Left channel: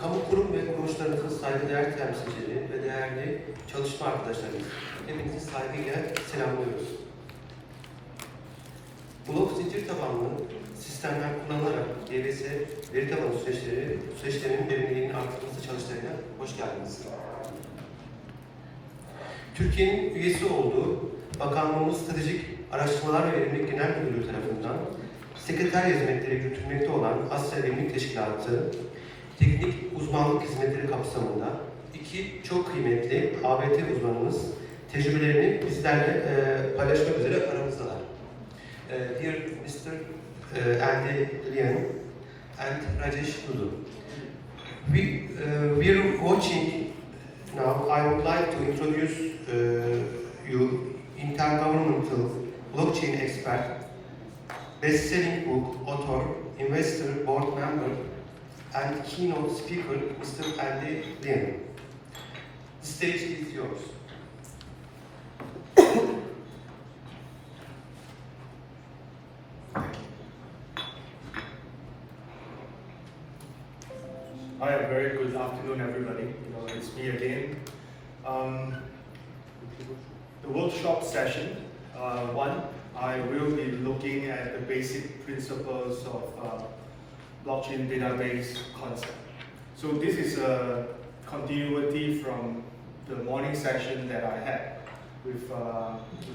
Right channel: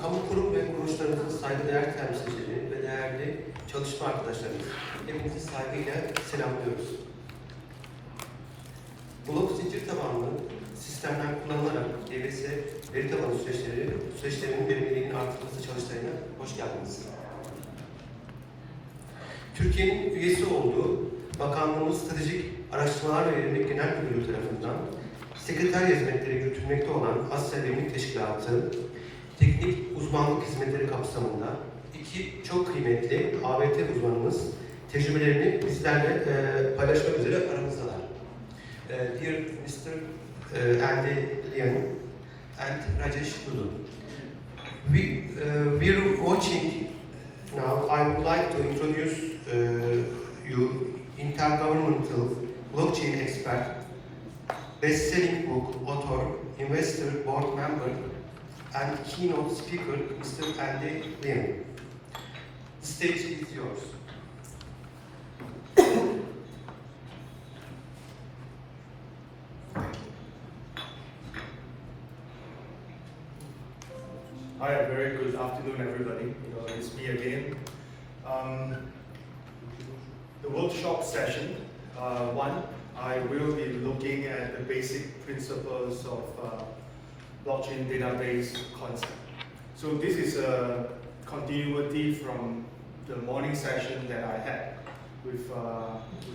Kamu kurum ve kuruluşlarınızın saygıdeğer temsilcileri ve değerli çalışma arkadaşlarımız, hepinizi saygıyla selamlıyoruz. Blok zincir tabanlı sistemler kullanılarak DBS veri tabanı süreçlerinin verimliliğinin artırılması çalıştayına hoş geldiniz. Türkiye'nin üyesi olduğu Bakanlığımız Stratejik Araştırmalar ve Verimlilik Genel Müdürlüğü tarafından sekreter hizmetleri yürütülmekte olan Asya Verimlilik Teşkilatı, teknik uzmanlık hizmetleri kapsamında iki çok kıymetli ABT uzmanımız tecrübelerini bizlerle paylaşmak üzere aramızdalar. Dear Mr. ANndy Lian and Registry. We're watching now. I would like to introduce you intergovernmental blockchain expert, best-selling book author, investor, board member, and keynote speaker, Mr. ANndy Lian. The stage is yours. Hi, a very good afternoon, everybody. It's me again. The workshop session, one, I will be looking at the basic principles of blockchain database concept. So this is a continuity from the morning session that I had with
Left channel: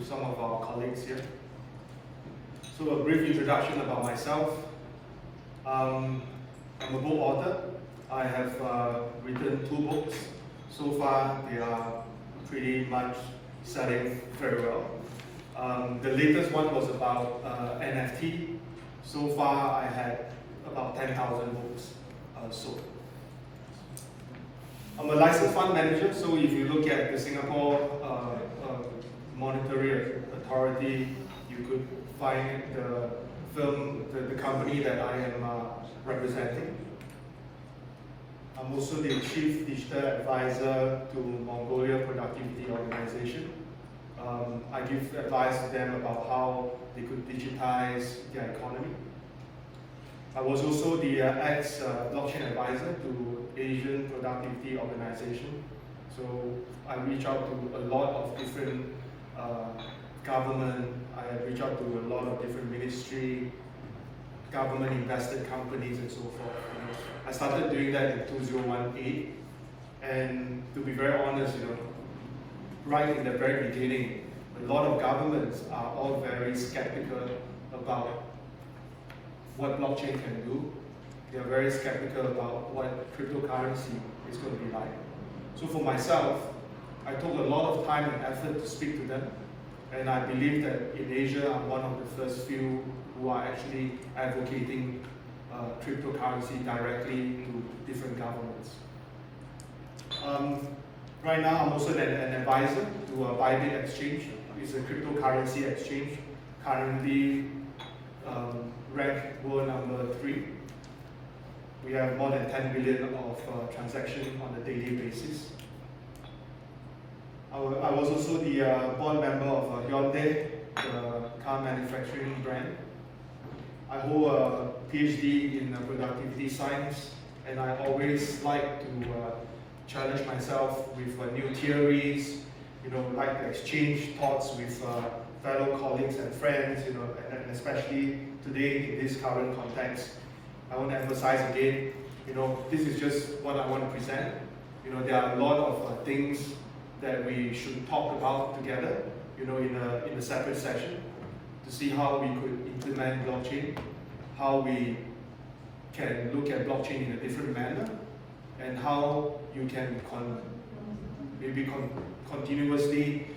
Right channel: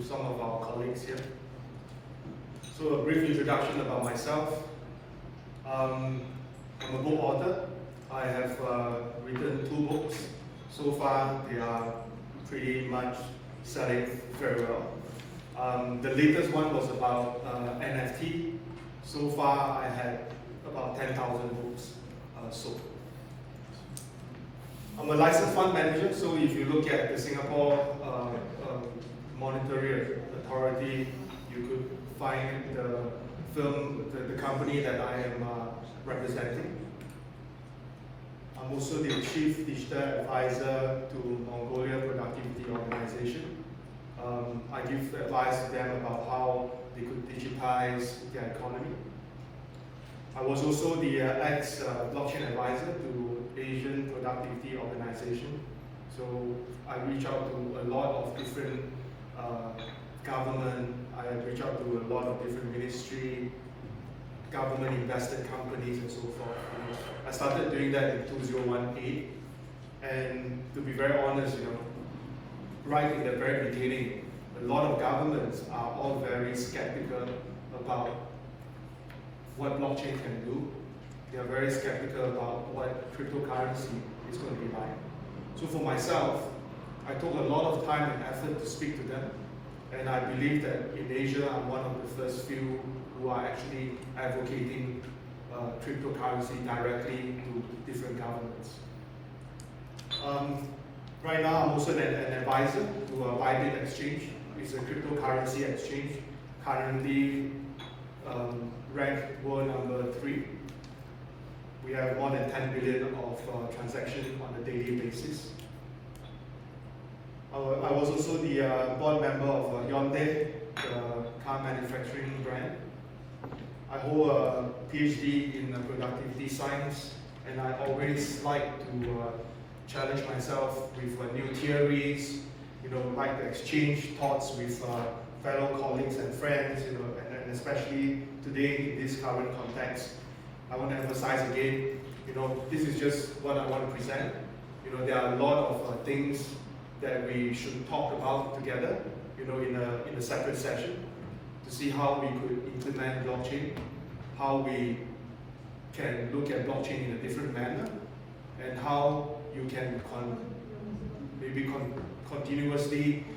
some of our colleagues here. So a brief introduction about myself. I'm a book author. I have written 2 books. So far, they are pretty much selling very well. The latest one was about NFT. So far, I had about 10,000 books sold. I'm a licensed fund manager, so if you look at the Singapore Monetary Authority, you could find the firm, the company that I am representing. I'm also the Chief Digital Advisor to Mongolia Productivity Organization. I give advice to them about how they could digitize their economy. I was also the ex-blockchain advisor to Asian Productivity Organization. So I reach out to a lot of different government, I reach out to a lot of different ministry, government invested companies and so forth. I started doing that in 2018, and to be very honest, right in the very beginning, a lot of governments are all very skeptical about what blockchain can do. They're very skeptical about what cryptocurrency is going to be like. So for myself, I took a lot of time and effort to speak to them, and I believe that in Asia, I'm one of the first few who are actually advocating cryptocurrency directly to different governments. Right now, I'm also an advisor to a Bybit exchange. It's a cryptocurrency exchange, currently ranked world number 3. We have more than 10 billion of transactions on a daily basis. I was also the board member of Hyundai, the car manufacturing brand. I hold a PhD in productivity science, and I always like to challenge myself with new theories, like to exchange thoughts with fellow colleagues and friends, and especially today in this current context. I want to emphasize again, this is just what I want to present. There are a lot of things that we should talk about together, in a separate session, to see how we could implement blockchain, how we can look at blockchain in a different manner, and how you can continuously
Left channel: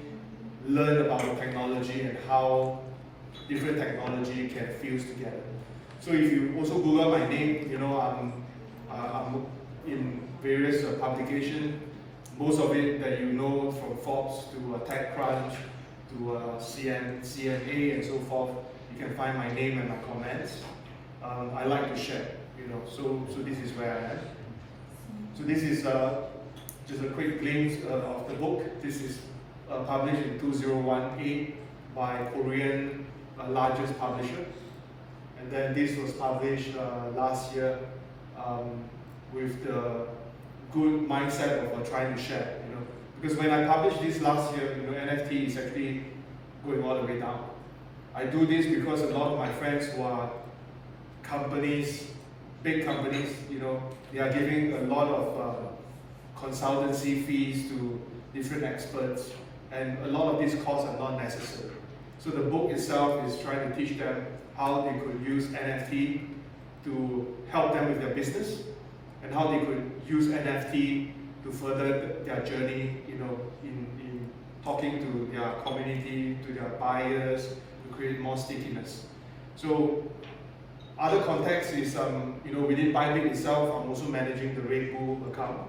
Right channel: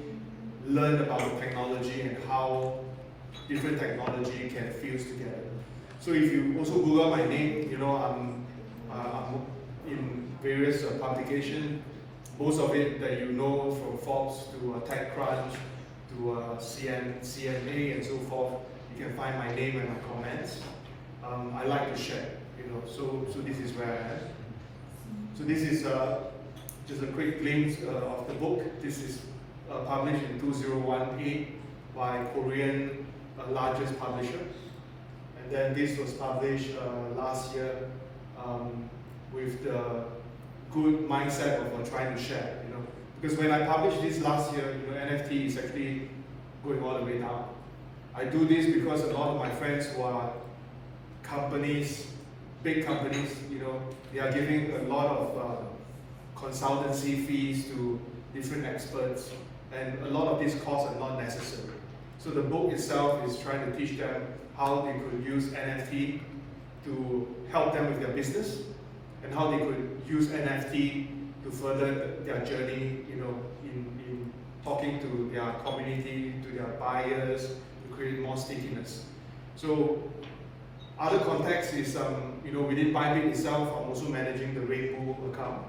learn about the technology and how different technology can fuse together. So if you also Google my name, I'm in various publications, most of it that from Forbes to TechCrunch to CMA and so forth. You can find my name and my comments. I like to share, so this is where I am. So this is just a quick glimpse of the book. This is published in 2018 by Korean largest publisher. And then this was published last year with the good mindset of trying to share, Because when I published this last year, NFT is actually going all the way down. I do this because a lot of my friends who are companies, big companies, they are giving a lot of consultancy fees to different experts, and a lot of these costs are not necessary. So the book itself is trying to teach them how they could use NFT to help them with their business, and how they could use NFT to further their journey, in talking to their community, to their buyers, to create more stickiness. So other context is, within Bybit itself, I'm also managing the Red Bull account,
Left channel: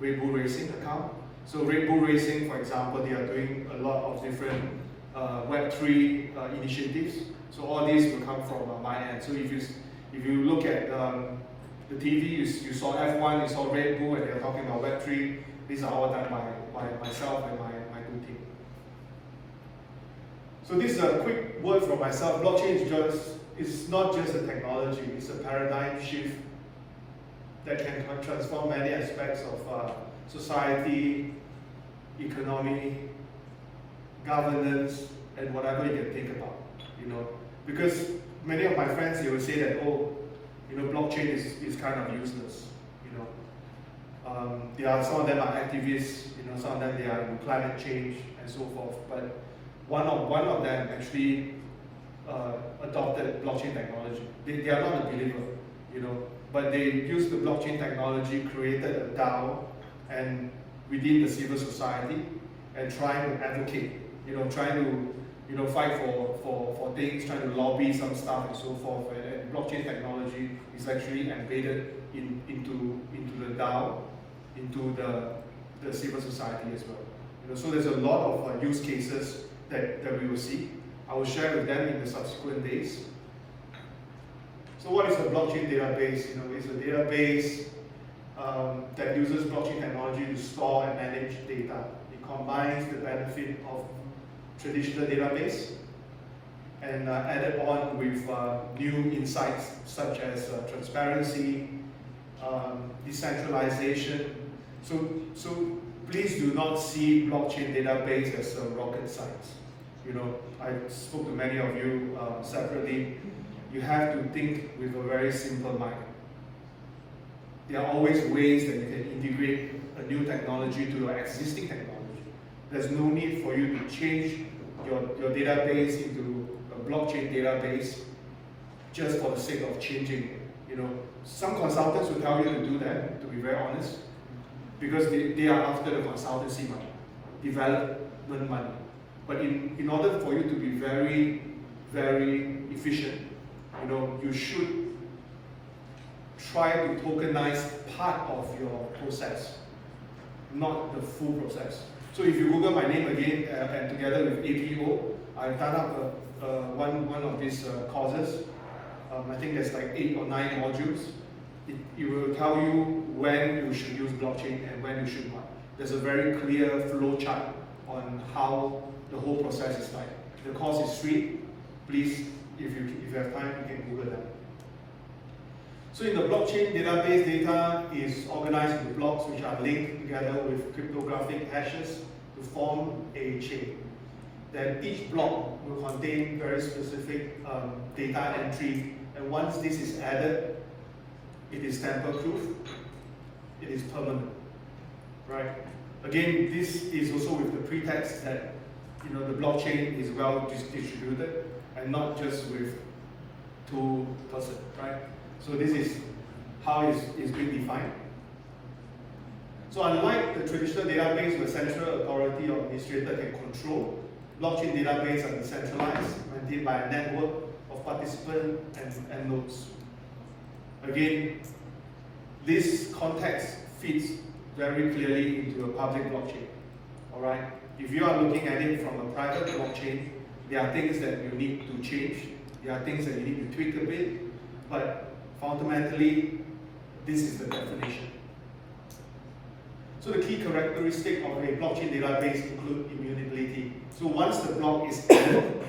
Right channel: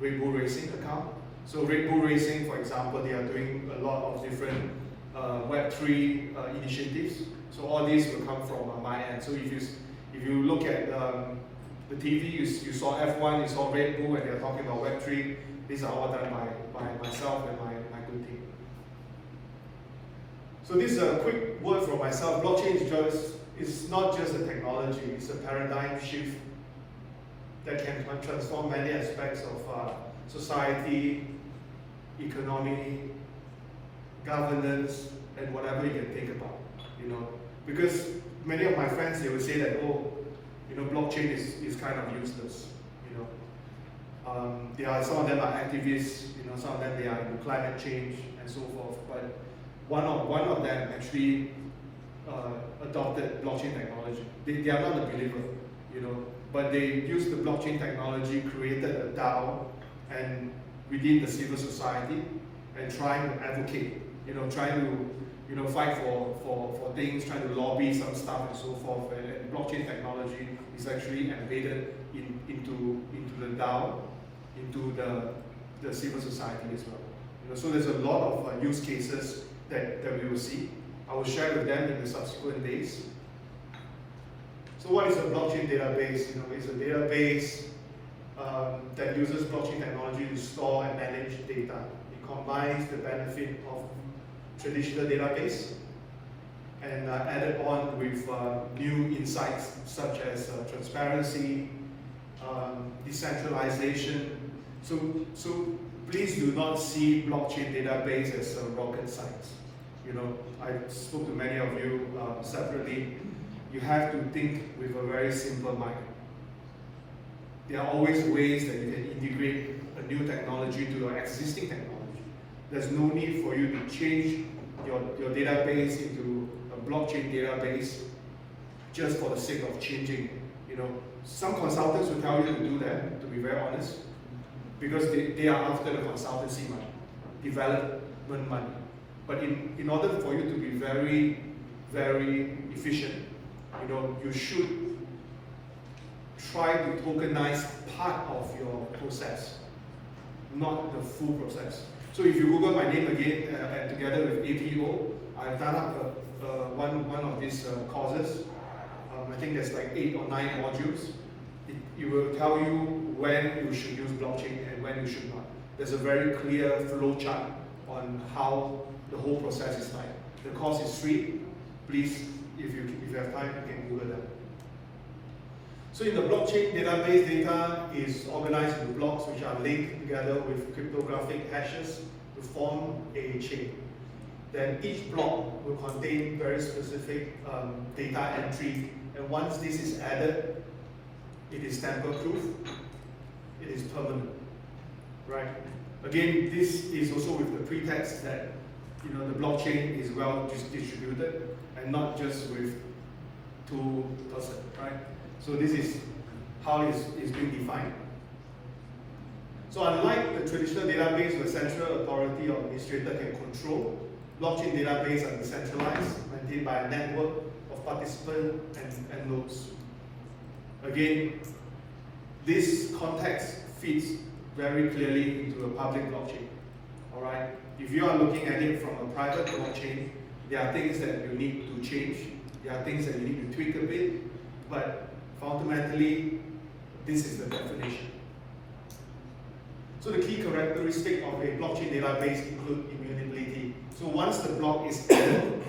Red Bull Racing account. So Red Bull Racing, for example, they are doing a lot of different Web3 initiatives. So all these will come from my end. So if you look at the TV, you saw F1, you saw Red Bull, and they're talking about Web3. These are all done by myself and my good team. So this is a quick word from myself. Blockchain is not just a technology, it's a paradigm shift that can transform many aspects of society, economy, governance, and whatever you can think about. Because many of my friends, they will say that, blockchain is kind of useless. Some of them are activists, some of them they are in climate change and so forth. But one of them actually adopted blockchain technology. They are not a believer, but they used the blockchain technology, created a DAO, and within the civil society, and trying to advocate, trying to fight for things, trying to lobby some stuff and so forth. And blockchain technology is actually embedded into the DAO, into the civil society as well. So there's a lot of use cases that we will see. I will share with them in the subsequent days. So what is a blockchain database? It's a database that uses blockchain technology to store and manage data. It combines the benefit of traditional database and added on with new insights such as transparency, decentralization. So please do not see blockchain database as rocket science. I spoke to many of you separately. You have to think with a very simple mind. There are always ways that you can integrate a new technology to your existing technology. There's no need for you to change your database into a blockchain database just for the sake of changing it. Some consultants will tell you to do that, to be very honest, because they are after the consultancy money, development money. But in order for you to be very, very efficient, you should try to tokenize part of your process, not the full process. So if you Google my name again, and together with APO, I've done up one of these courses. I think there's like 8 or 9 modules. It will tell you when you should use blockchain and when you should not. There's a very clear flow chart on how the whole process is like. The course is free. Please, if you have time, you can Google that. So in the blockchain database, data is organized into blocks which are linked together with cryptographic hashes to form a chain. Then each block will contain very specific data entry, and once this is added, it is tamper-proof, it is permanent, right? Again, this is also with the pretext that the blockchain is well distributed and not just with 2%, right? So this is how it's being defined. So unlike the traditional database where central authority or administrator can control, blockchain databases are decentralized, maintained by a network of participants and nodes. Again, this context fits very clearly into a public blockchain. All right. If you are looking at it from a private blockchain, there are things that you need to change. There are things that you need to tweak a bit, but fundamentally, this is the definition. So the key characteristic of a blockchain database include immutability. So once the block is added,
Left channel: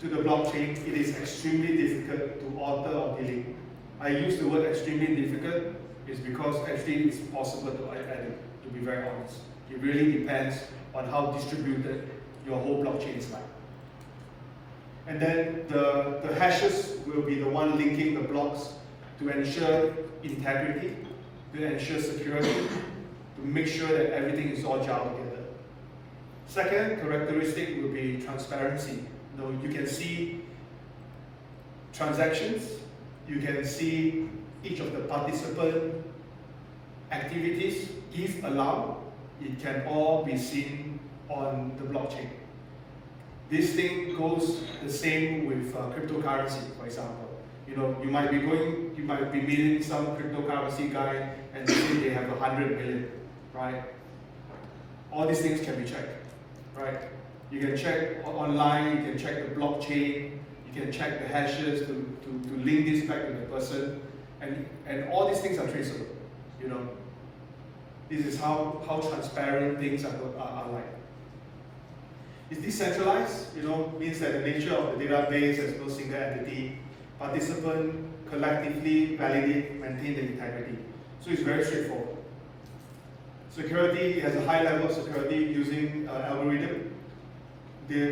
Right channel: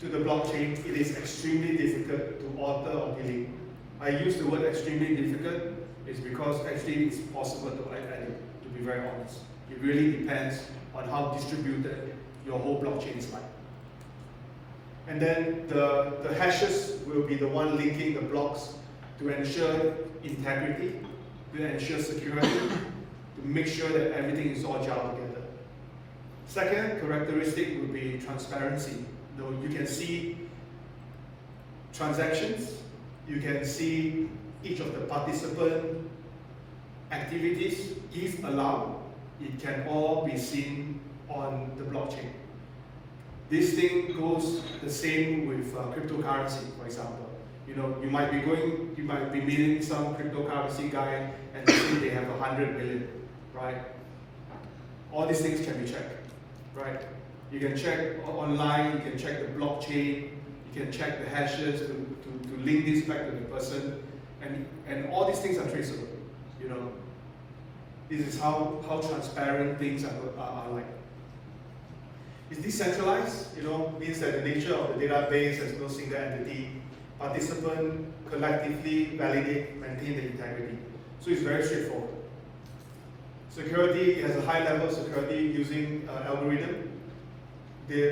to the blockchain, it is extremely difficult to alter or delete. I use the word extremely difficult is because actually it's possible to edit, to be very honest. It really depends on how distributed your whole blockchain is like. And then the hashes will be the one linking the blocks to ensure integrity, to ensure security, to make sure that everything is all gelled together. Second characteristic will be transparency. You can see transactions, you can see each of the participant activities. If allowed, it can all be seen on the blockchain. This thing goes the same with cryptocurrency, for example. You might be meeting some cryptocurrency guy and they think they have 100 million, right? All these things can be checked, right? You can check online, you can check the blockchain, you can check the hashes to link this back to the person, and all these things are traceable. This is how transparent things are like. It's decentralized, means that the nature of the database has no single entity. Participants collectively validate, maintain the integrity. So it's very straightforward. Security has a high level of security using algorithm.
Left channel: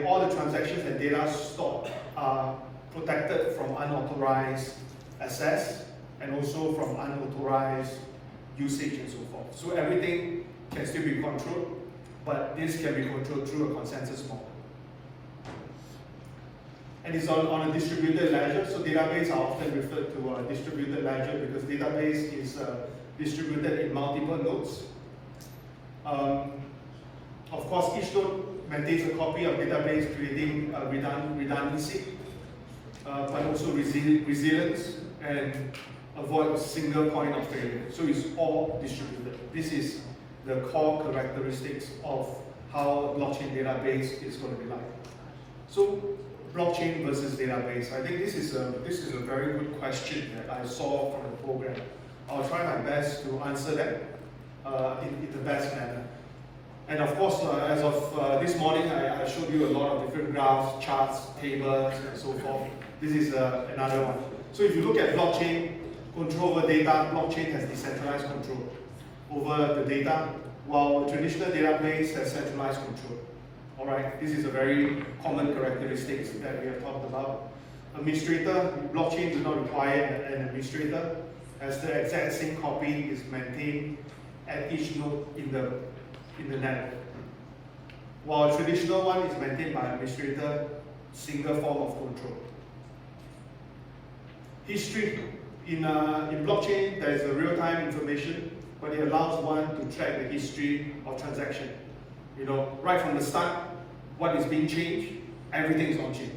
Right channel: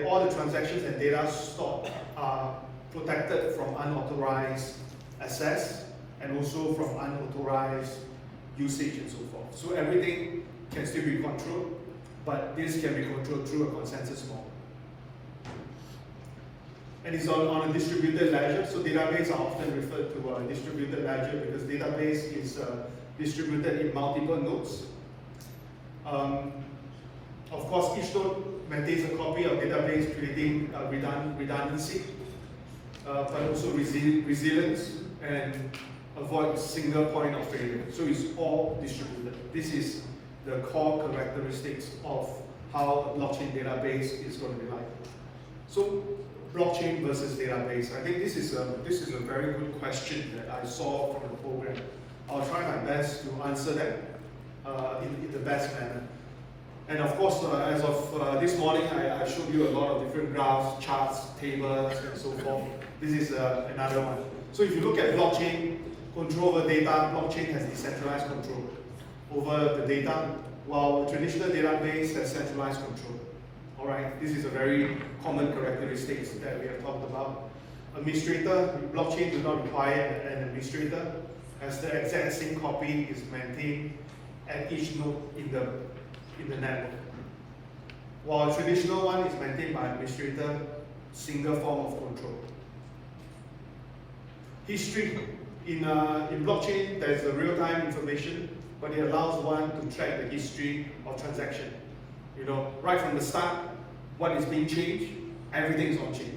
All the transactions and data stored are protected from unauthorized access and also from unauthorized usage and so forth. So everything can still be controlled, but this can be controlled through a consensus model. And it's on a distributed ledger, so database are often referred to a distributed ledger because database is distributed in multiple nodes. Of course, each node maintains a copy of database, creating redundancy, but also resilience and avoid a single point of failure. So it's all distributed. This is the core characteristics of how blockchain database is going to be like. So blockchain versus database. I think this is a very good question that I saw from the program. I'll try my best to answer that in the best manner. And of course, as of this morning, I showed you a lot of different graphs, charts, tables, and so forth. This is another one. So if you look at blockchain, control over data, blockchain has decentralized control over the data, while the traditional database has centralized control. All right, this is a very common characteristic that we have talked about. Administrator, blockchain do not require an administrator, as the exact same copy is maintained at each node in the network. While traditional one is maintained by administrator, single form of control. History. In blockchain, there is a real-time information, but it allows one to track the history of transaction. Right from the start, what is being changed, everything is on chain.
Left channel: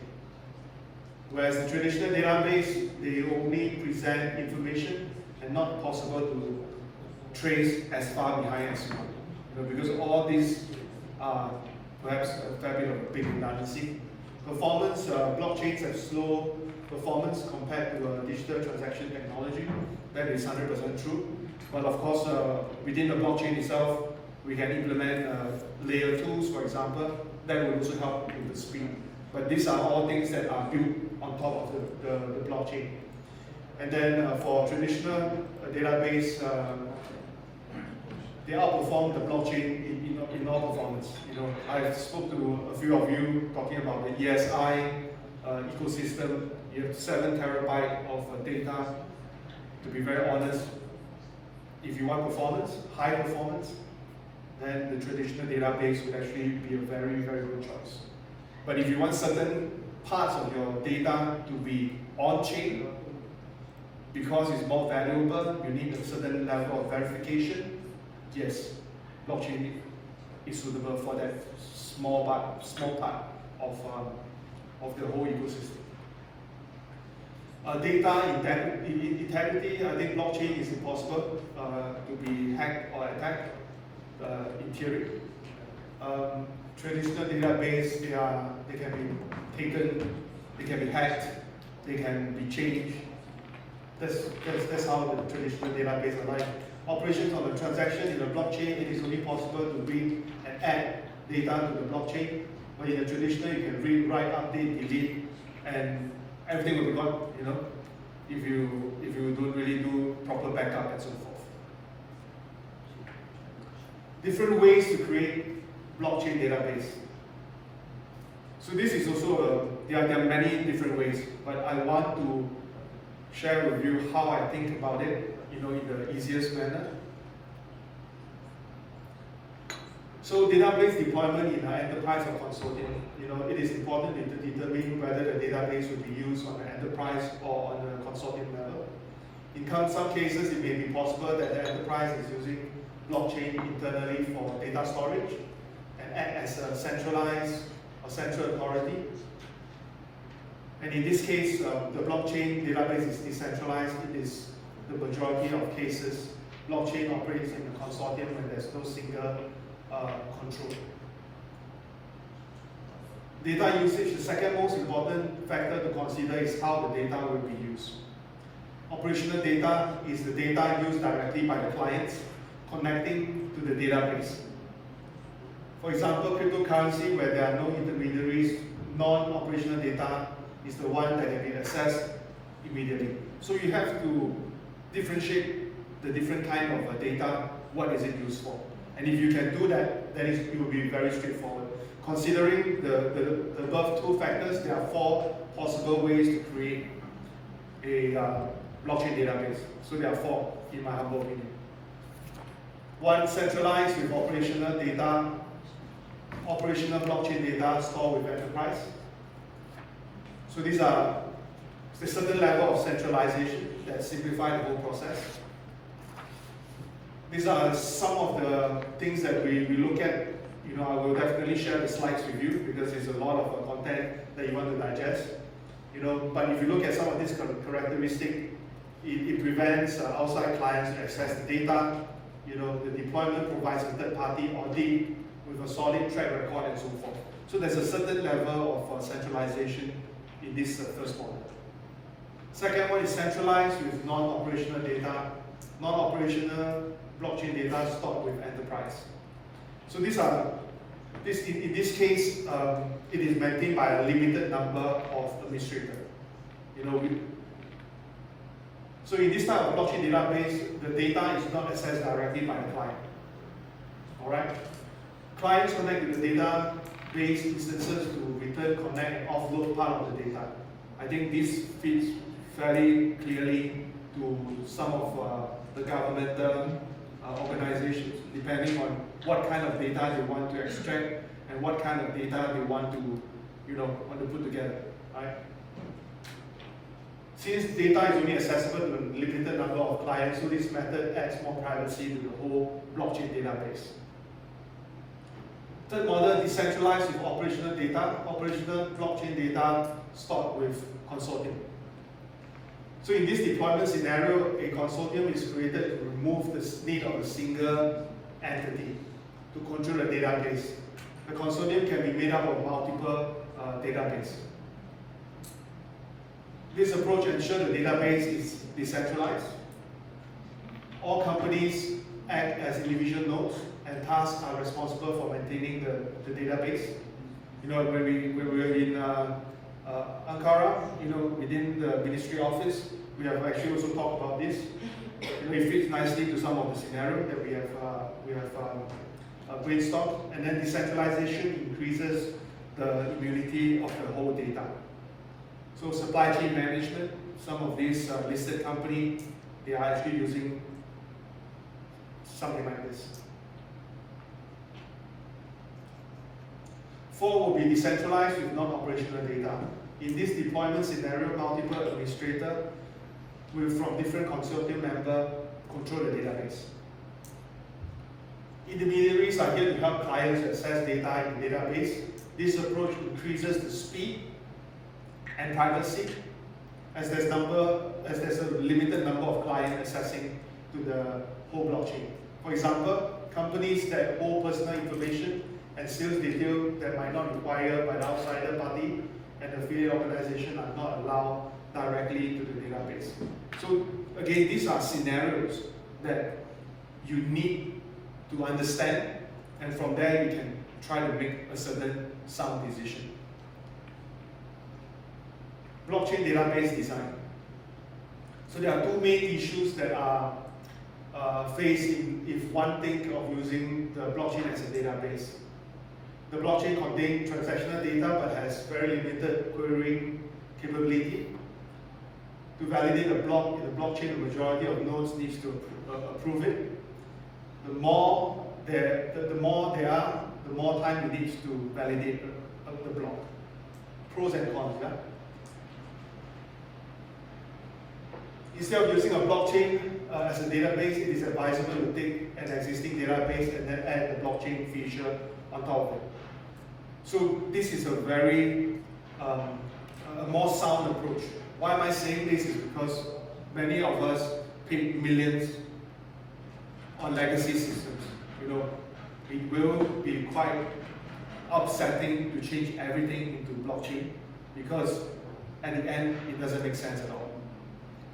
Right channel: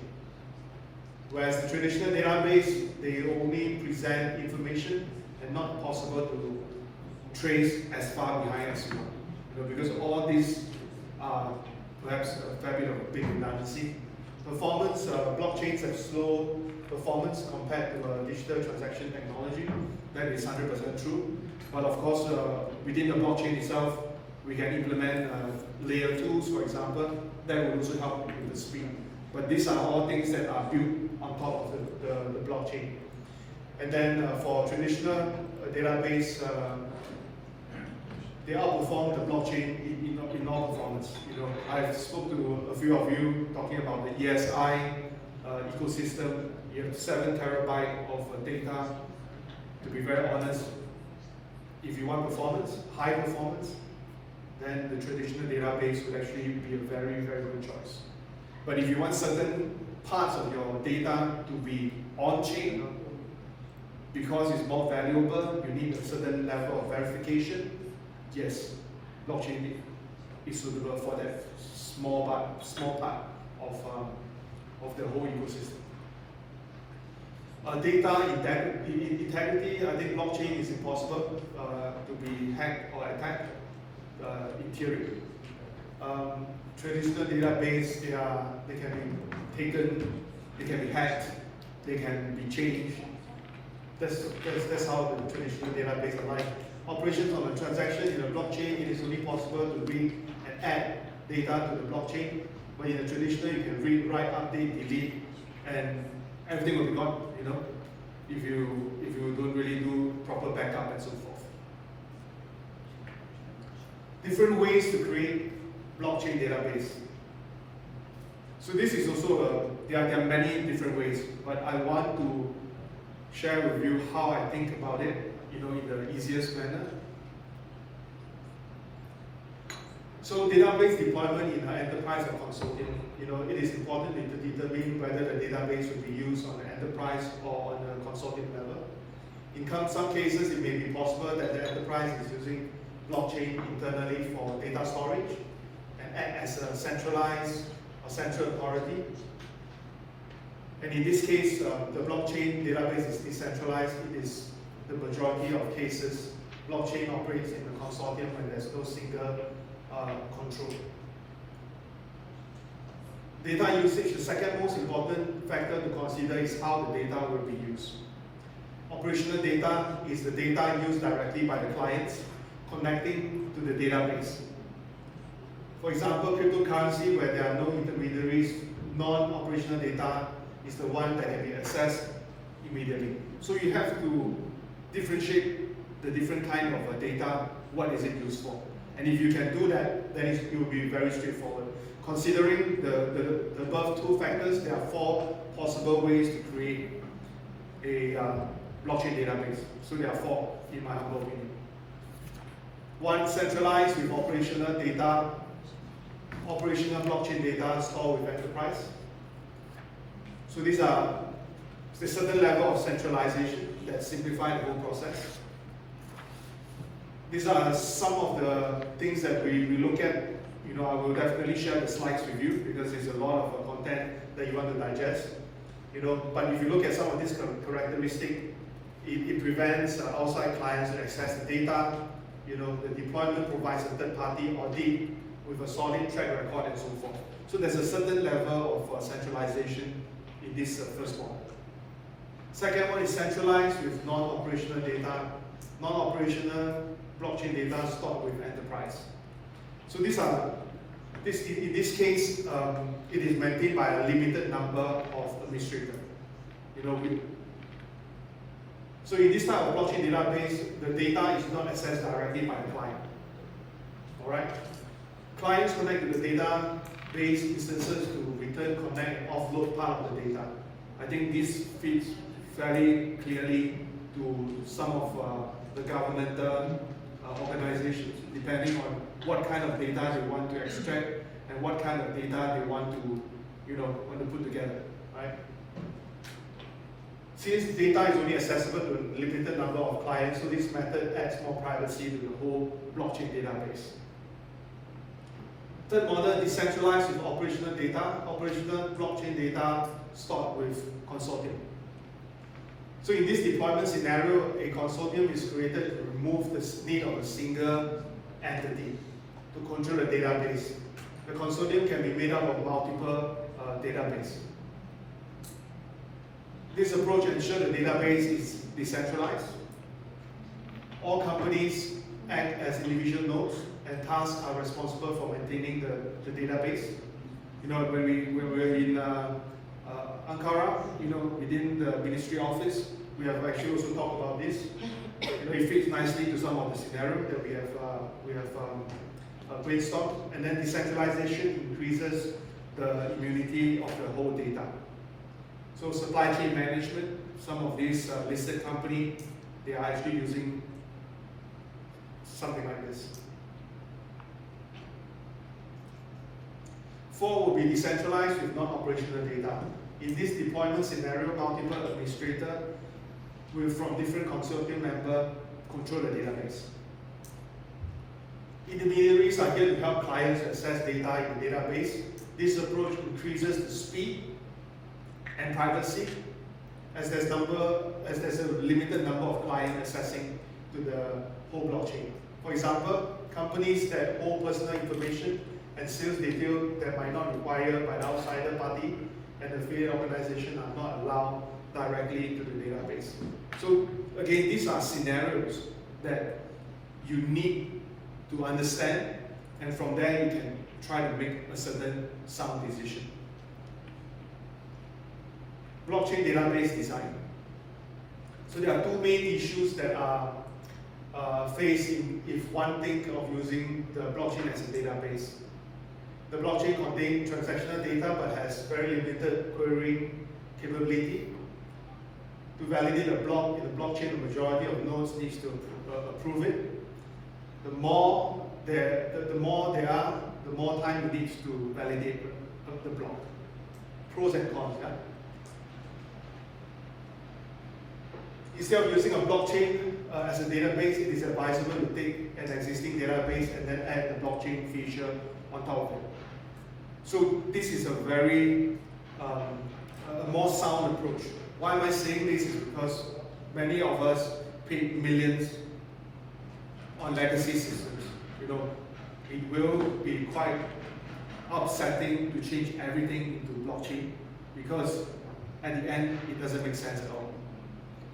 Whereas the traditional database, they only present information and not possible to trace as far behind as you want. Because all these are perhaps a fair bit of big redundancy. Performance, blockchains have slow performance compared to digital transaction technology. That is 100% true. But of course, within the blockchain itself, we can implement layer 2s, for example. That will also help with the speed. But these are all things that are built on top of the blockchain. And then for traditional database, they outperform the blockchain in all performance. I've spoke to a few of you talking about the ESI ecosystem. You have 7 terabytes of data. To be very honest, if you want performance, high performance, then the traditional database would actually be a very, very good choice. But if you want certain parts of your data to be on-chain, because it's more valuable, you need a certain level of verification, yes, blockchain is suitable for that small part of the whole ecosystem. Data integrity, I think blockchain is impossible to be hacked or attacked in theory. Traditional database, they can be taken, they can be hacked, they can be changed. That's how the traditional database are like. Operations on the transaction in the blockchain, it is only possible to read and add data to the blockchain. But in the traditional, you can read, write, update, delete, and everything will be gone, if you don't really do proper backup and so forth. Different ways to create blockchain database. So this is also, there are many different ways, but I want to share with you how I think about it, in the easiest manner. So database deployment in an enterprise or consortium, it is important to determine whether the database will be used on an enterprise or on a consortium level. In some cases, it may be possible that the enterprise is using blockchain internally for data storage and act as a centralized or central authority. And in this case, the blockchain database is decentralized. It is the majority of cases. Blockchain operates in a consortium when there's no single control. Data usage, the second most important factor to consider is how the data will be used. Operational data is the data used directly by the clients connecting to the database. For example, cryptocurrency, where there are no intermediaries, non-operational data is the one that can be accessed immediately. So you have to differentiate the different kind of data, what is it used for. And if you can do that, then it will be very straightforward. Considering the above two factors, there are 4 possible ways to create a blockchain database. So there are 4, in my humble opinion. 1, centralized with operational data, operational blockchain data stored with enterprise. So these are a certain level of centralization that simplifies the whole process. These are some of the things that we look at. I will definitely share the slides with you because there's a lot of content that you want to digest. But if you look at some of these characteristics, it prevents outside clients to access the data. The deployment provides a third-party audit with a solid track record and so forth. So there's a certain level of centralization in this first one. Second one is centralized with non-operational data, non-operational blockchain data stored with enterprise. So in this case, it is maintained by a limited number of administrators. So in this type of blockchain database, the data is not accessed directly by the client. All right. Clients connect to the database instances to return, connect, and offload part of the data. I think this fits fairly clearly to some of the governmental organizations, depending on what kind of data they want to extract and what kind of data they want to, put together, right? Since data is only accessible to a limited number of clients, so this method adds more privacy to the whole blockchain database. Third model, decentralized with operational data, operational blockchain data stored with consortium. So in this deployment scenario, a consortium is created to remove the need of a single entity to control the database. The consortium can be made up of multiple databases. This approach ensures the database is decentralized. All companies act as individual nodes, and tasks are responsible for maintaining the database. When we were in Ankara, within the ministry office, we have actually also talked about this. It fits nicely to some of the scenarios that we have brainstormed. And then decentralization increases the immunity of the whole data. So supply chain management, some of these listed companies, they are actually using something like this. 4 will be decentralized with non-operational data. In this deployment scenario, multiple administrators will, from different consortium members, control the database. Intermediaries are here to help clients access data in the database. This approach increases the speed and privacy as there's a limited number of clients accessing to the whole blockchain. For example, companies that hold personal information and sales detail that might not be required by the outsider party and affiliate organization are not allowed directly to the database. So again, these are scenarios that you need to understand, and from there you can try to make a certain sound decision. blockchain database design. So there are two main issues that are faced if one thinks of using the blockchain as a database. The blockchain contains transactional data but has very limited querying capability. To validate a block in the blockchain, the majority of nodes needs to approve it. The more there are, the more time it needs to validate the block. Pros and cons. Yeah? Instead of using a blockchain as a database, it is advisable to take an existing database and then add the blockchain feature on top of it. So this is a very a more sound approach. Why am I saying this? Is because many of us paid millions on legacy systems. You know, it will be quite upsetting to change everything into blockchain because at the end it doesn't make sense at all.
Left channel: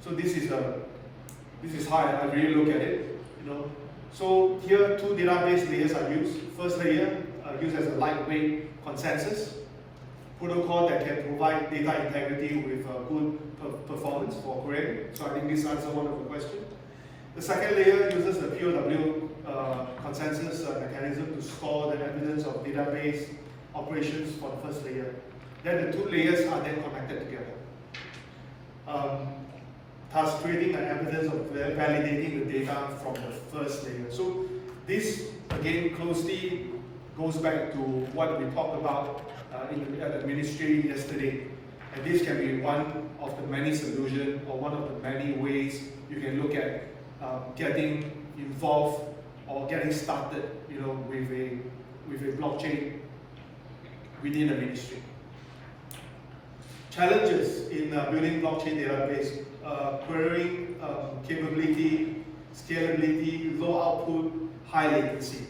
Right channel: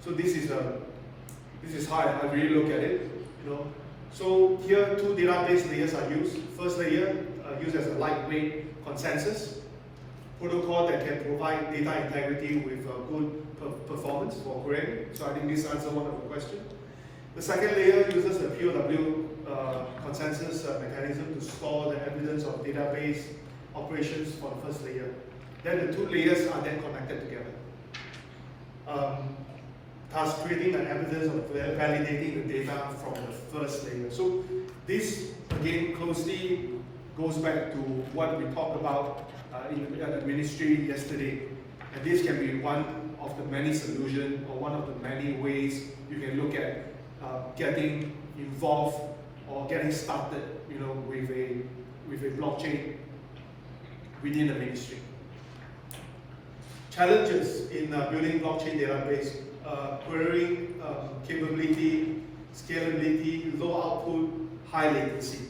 So this is how I really look at it. You know, so here two database layers are used. First layer used as a lightweight consensus protocol that can provide data integrity with good performance for querying. So I think this answers one of the questions. The second layer uses the POW consensus mechanism to store the evidence of database operations for the first layer. Then the two layers are then connected together, thus creating the evidence of validating the data from the first layer. So this again closely goes back to what we talked about at the ministry yesterday. And this can be one of the many solutions or one of the many ways you can look at getting involved or getting started, you know, with a blockchain within the ministry. Challenges in building blockchain database: querying capability, scalability, low output, high latency.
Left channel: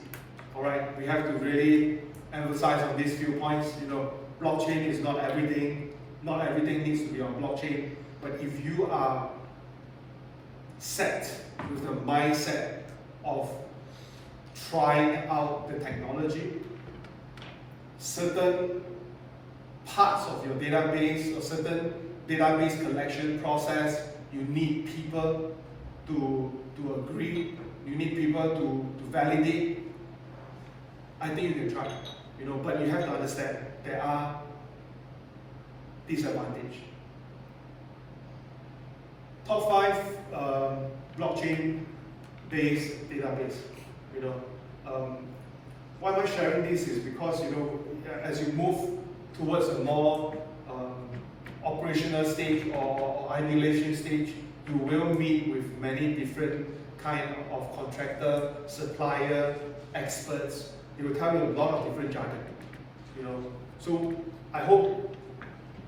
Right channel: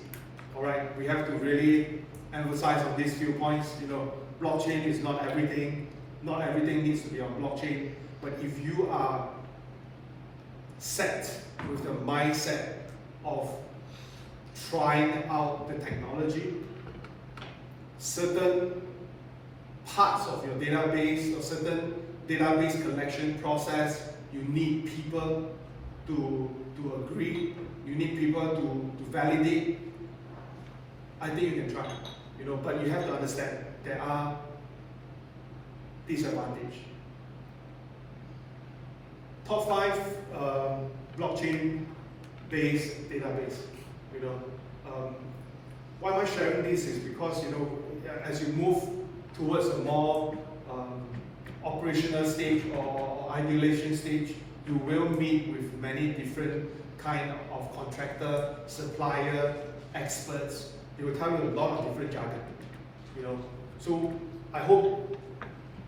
All right, we have to really emphasize on these few points. You know, blockchain is not everything. Not everything needs to be on blockchain. But if you are set with the mindset of trying out the technology, certain parts of your database or certain database collection process, you need people to agree, you need people to validate. I think you can try, you know, but you have to understand there are disadvantages. Top 5 blockchain-based database. You know, why am I sharing this? Is because, you know, as you move towards a more operational stage or ideation stage, you will meet with many different kind of contractor, supplier, experts. They will tell you a lot of different jargon. You know, so I hope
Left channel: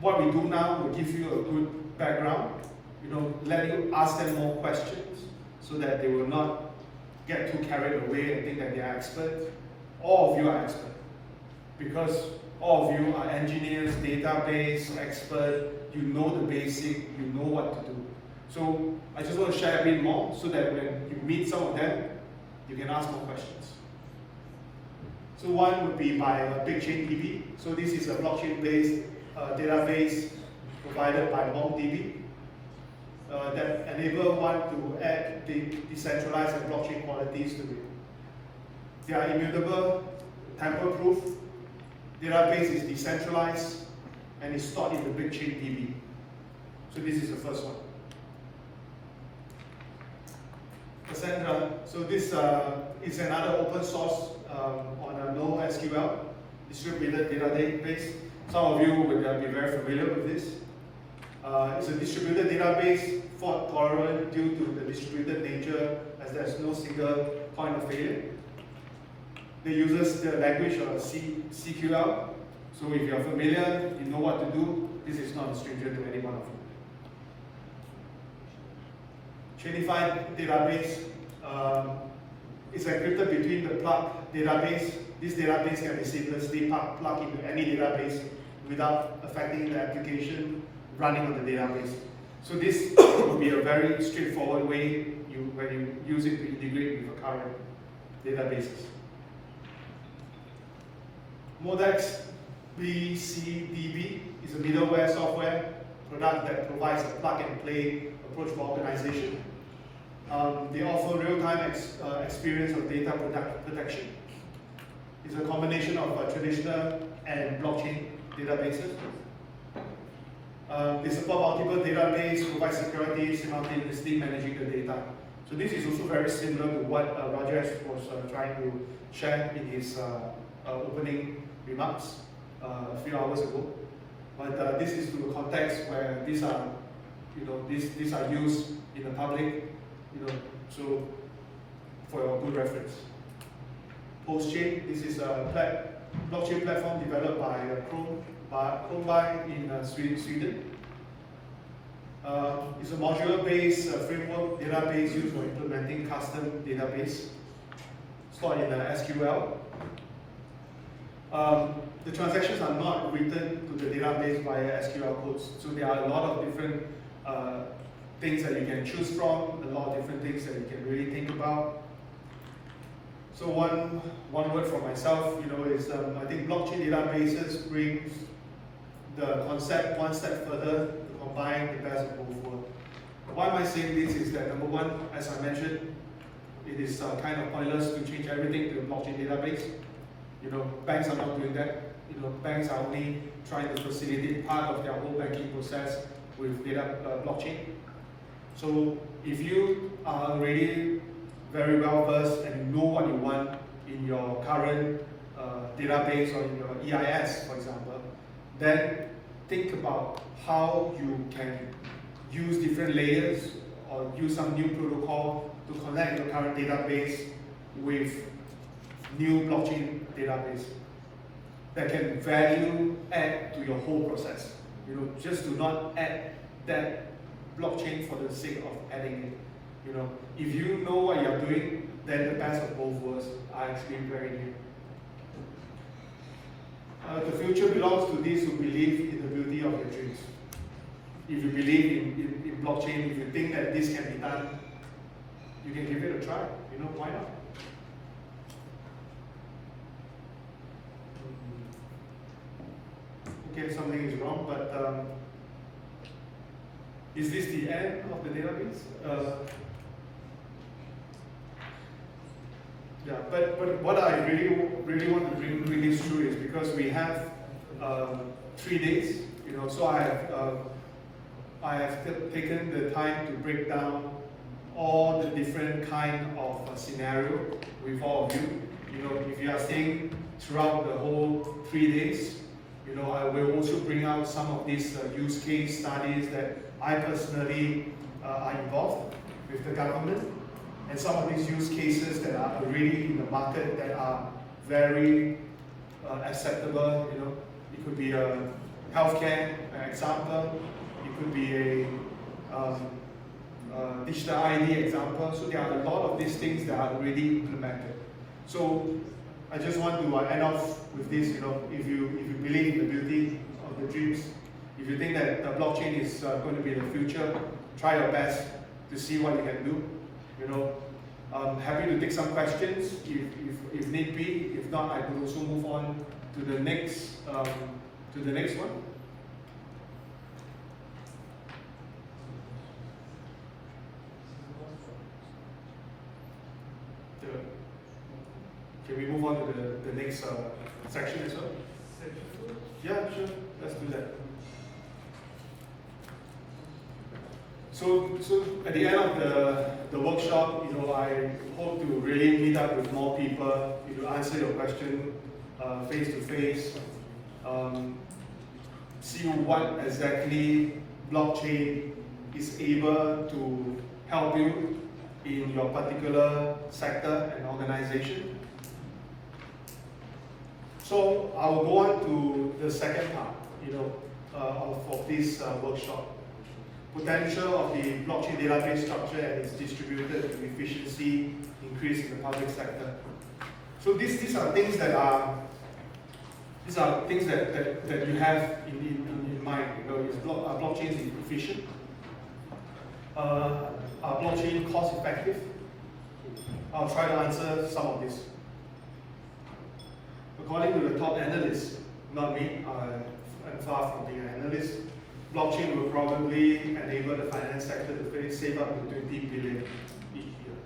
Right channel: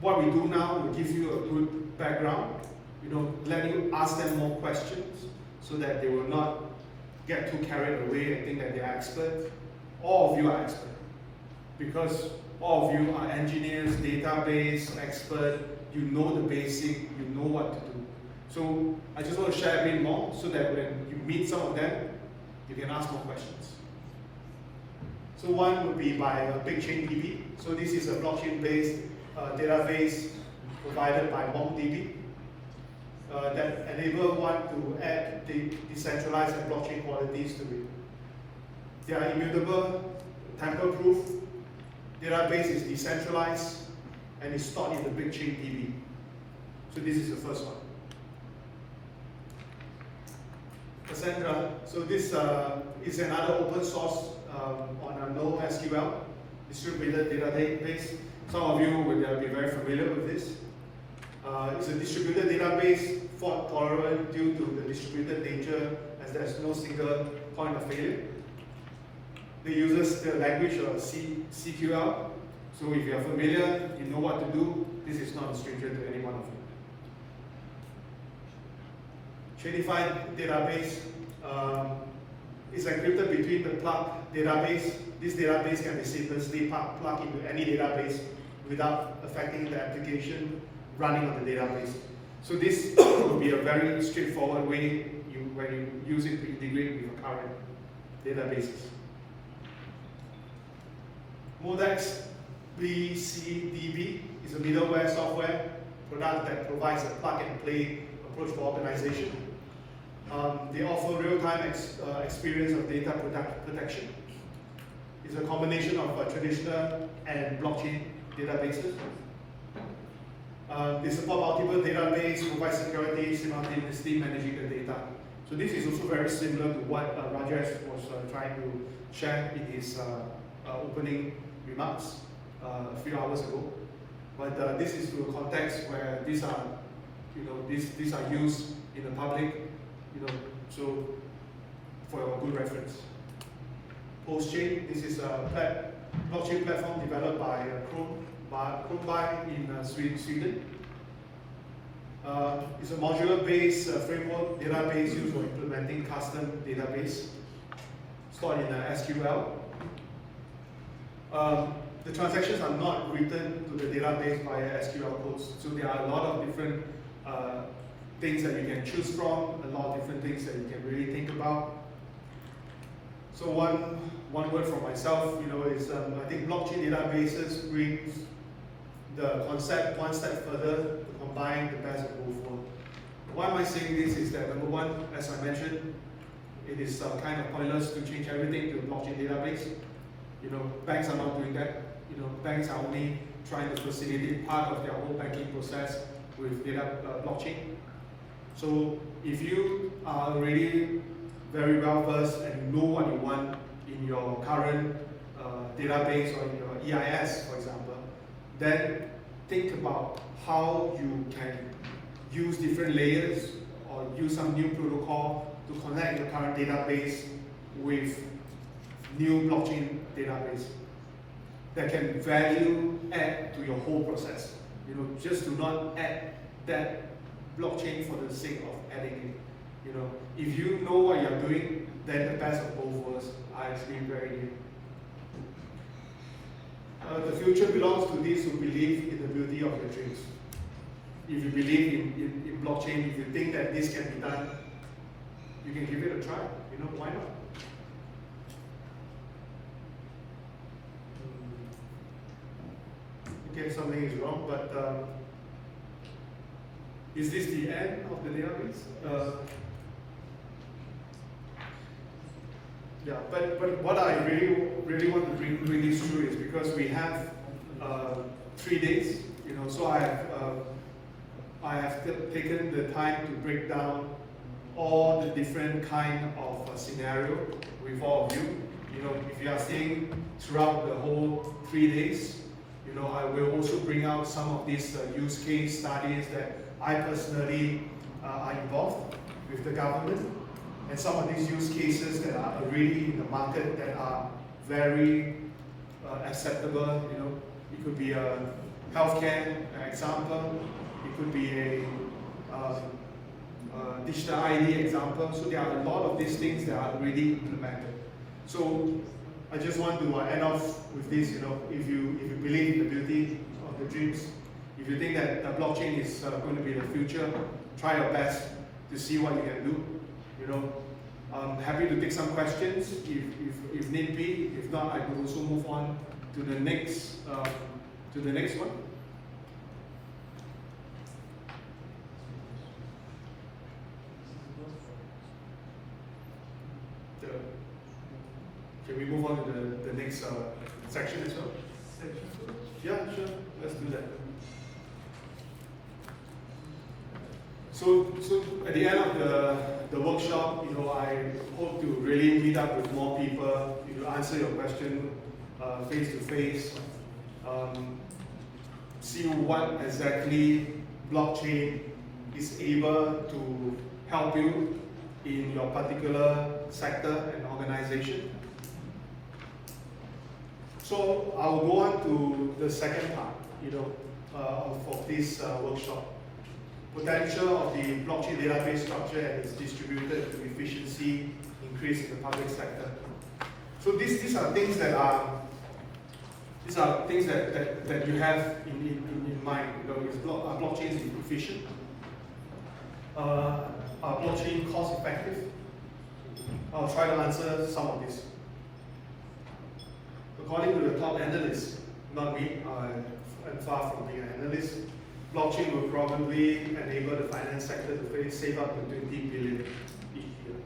what we do now will give you a good background. You know, let you ask them more questions so that they will not get too carried away and think that they are experts. All of you are experts because all of you are engineers, database expert. You know the basic. You know what to do. So I just want to share a bit more so that when you meet some of them, you can ask more questions. So one would be by BigchainDB. So this is a blockchain-based database provided by MongoDB that enable one to add the decentralized and blockchain qualities to it. They are immutable, tamper-proof. Database is decentralized and is stored in the BigchainDB. So this is the first one. Cassandra. So this is another open source on a NoSQL distributed database. Some of you will be very familiar with this. It's a distributed database, fault tolerant due to the distributed nature, as there's no single point of failure. It uses the language of CQL. So if you're familiar, you know what to do. This is not a stranger to any one of you. Chainified database is encrypted between the plug database. This database can be seamlessly plugged into any database without affecting the application running on the database. So this will be a very straightforward way when you use it to integrate with your current databases. Modex BCDB is a middleware software product that provides a plug-and-play approach for organization. They offer real-time experience of data protection. It's a combination of traditional and blockchain databases. They support multiple database, provide security, simultaneously managing the data. So this is also very similar to what Rajesh was trying to share in his opening remarks a few hours ago. But this is to a context where these are, these are used in the public, so for your good reference. Postchain, this is a blockchain platform developed by Kronberg in Sweden. It's a modular-based framework database used for implementing custom database stored in SQL. The transactions are not written to the database via SQL codes, so there are a lot of different things that you can choose from, a lot of different things that you can really think about. So one word from myself, is I think blockchain databases brings the concept one step further to combine the best of both worlds. Why am I saying this is that number one, as I mentioned, it is kind of pointless to change everything to a blockchain database. Banks are not doing that. Banks are only trying to facilitate part of their whole banking process with data blockchain. So if you are already very well versed and you know what you want in your current database or in your EIS, for example, then think about how you can use different layers or use some new protocol to connect your current database with new blockchain database that can value add to your whole process. Just do not add that blockchain for the sake of adding it. If you know what you're doing, then the best of both worlds are actually very new. The future belongs to those who believe in the beauty of your dreams. If you believe in blockchain, if you think that this can be done, you can give it a try. Why not? Okay, something is wrong, but is this the end of the database? Yeah, but what I really want to bring this through is because we have 3 days, so I have taken the time to break down all the different kind of scenario with all of you. If you are staying throughout the whole 3 days, I will also bring out some of these use case studies that I personally are involved with the government, and some of these use cases that are really in the market that are very acceptable. It could be a healthcare example, it could be a digital ID example. So there are a lot of these things that are really implemented. So I just want to end off with this. If you believe in the beauty of the dreams, if you think that the blockchain is going to be the future, try your best to see what you can do. I'm happy to take some questions if need be. If not, I will also move on to the next one. Can we move on to the next section as well? Yeah, sure. Let's do that. So at the end of the workshop, I hope to really meet up with more people, answer your question face to face, see what exactly blockchain is able to help you in your particular sector and organization. So I will go on to the second part, of this workshop. Potential of the blockchain database structure and its distributed to efficiency increase in the public sector. So these are things that you have in mind. Is blockchain efficient? Are blockchain cost effective? I'll try to answer some of this. According to the top analysts, not me, I'm far from being an analyst, blockchain will probably enable the finance sector to save up to 20 billion each year.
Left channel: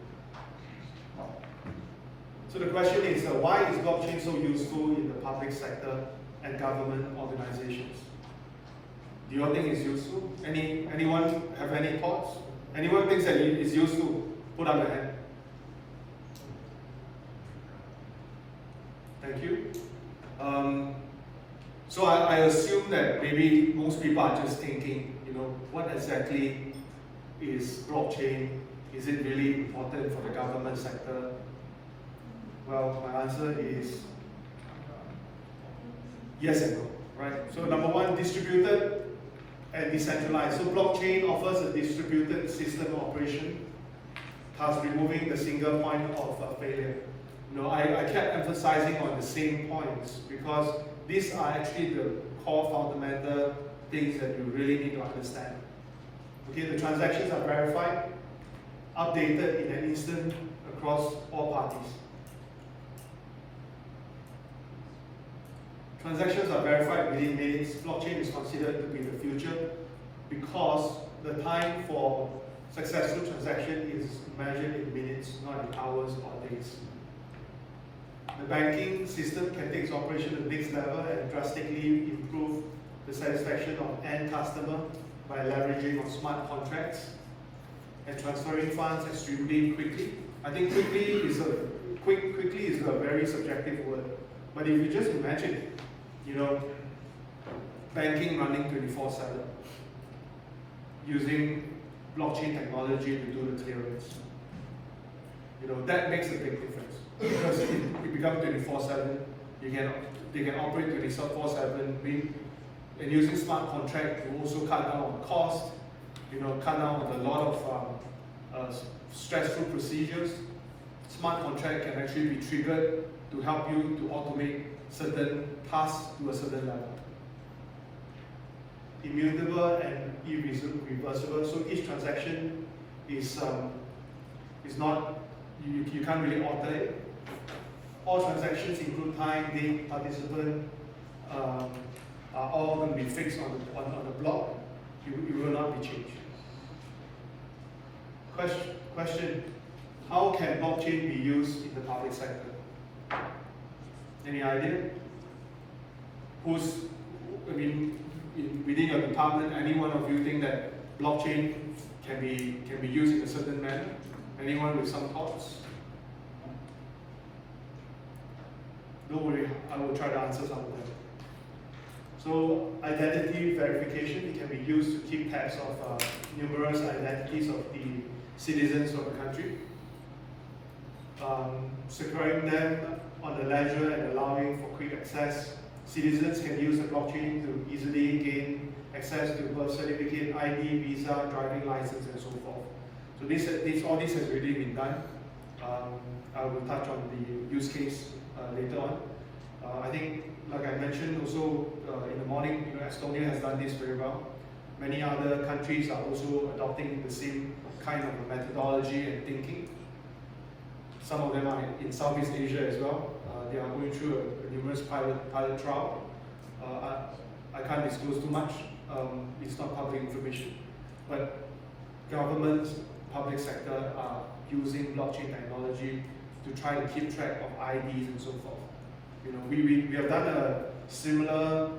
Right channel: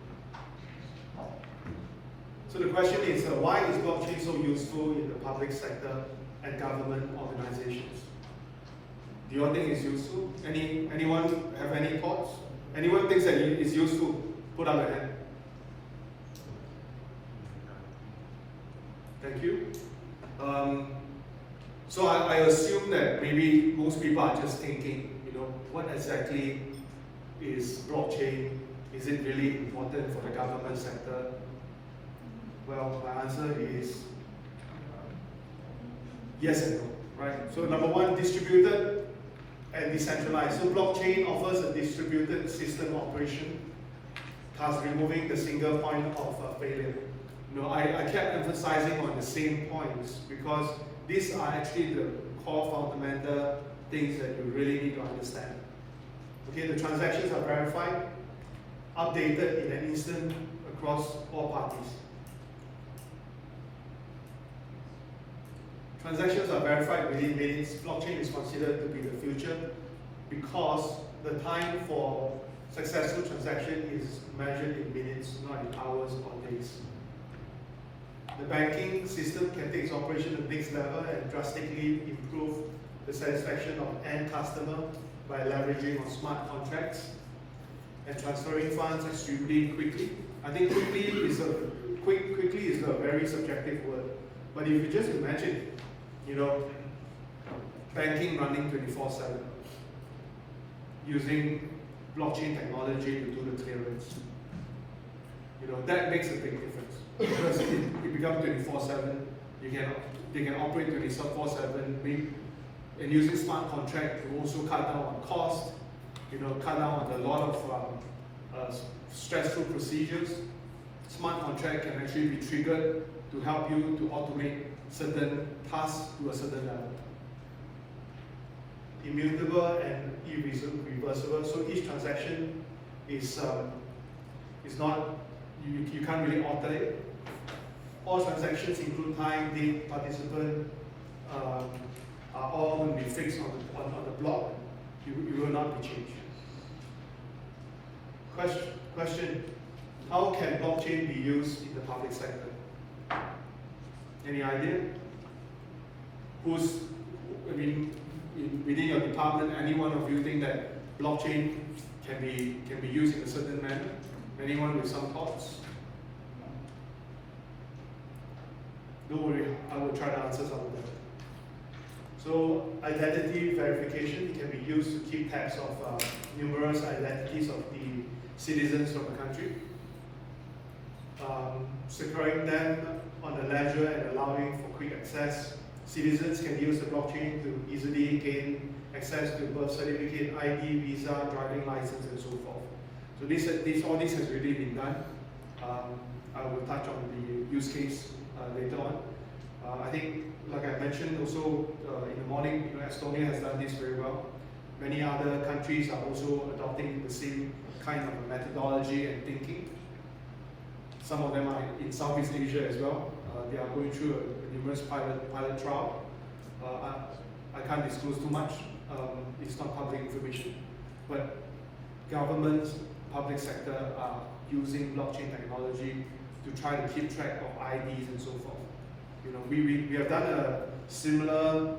So the question is, why is blockchain so useful in the public sector and government organizations? Do you all think it's useful? Anyone have any thoughts? Anyone thinks that it's useful? Put up a hand. Thank you. So I assume that maybe most people are just thinking, what exactly is blockchain? Is it really important for the government sector? Well, my answer is yes and no, right? So number one, distributed and decentralized. So blockchain offers a distributed system operation, thus removing the single point of failure. I kept emphasizing on the same points because these are actually the core fundamental things that you really need to understand. Okay, the transactions are verified, updated in an instant across all parties. Transactions are verified within minutes. Blockchain is considered to be the future because the time for successful transaction is measured in minutes, not in hours or days. The banking system can take its operation to the next level and drastically improve the satisfaction of end customer by leveraging on smart contracts and transferring funds extremely quickly. I think quickly is a very subjective word, but if you just imagine, banking running 24/7 using blockchain technology to do the clearance, that makes a big difference. Because it becomes 24/7, they can operate 24/7, and using smart contract to also cut down on cost, cut down on a lot of stressful procedures. Smart contract can actually be triggered to help you to automate certain tasks to a certain level. Immutable and irreversible. So each transaction is not, you can't really alter it. All transactions include time, date, participant, are all going to be fixed on the block. It will not be changed. Question: how can blockchain be used in the public sector? Any idea? Within your department, any one of you think that blockchain can be used in a certain manner? Anyone with some thoughts? Don't worry, I will try to answer some of them. So, identity verification can be used to keep tabs of numerous identities of the citizens of the country, securing them on the ledger and allowing for quick access. Citizens can use the blockchain to easily gain access to birth certificate, ID, visa, driving license, and so forth. So all this has already been done. I will touch on the use case later on. I think, like I mentioned also in the morning, Estonia has done this very well. Many other countries are also adopting the same kind of methodology and thinking. Some of them are in Southeast Asia as well. They are going through a numerous pilot trial. I can't disclose too much. It's not public information. But governments, public sector are using blockchain technology to try to keep track of IDs and so forth. We have done a similar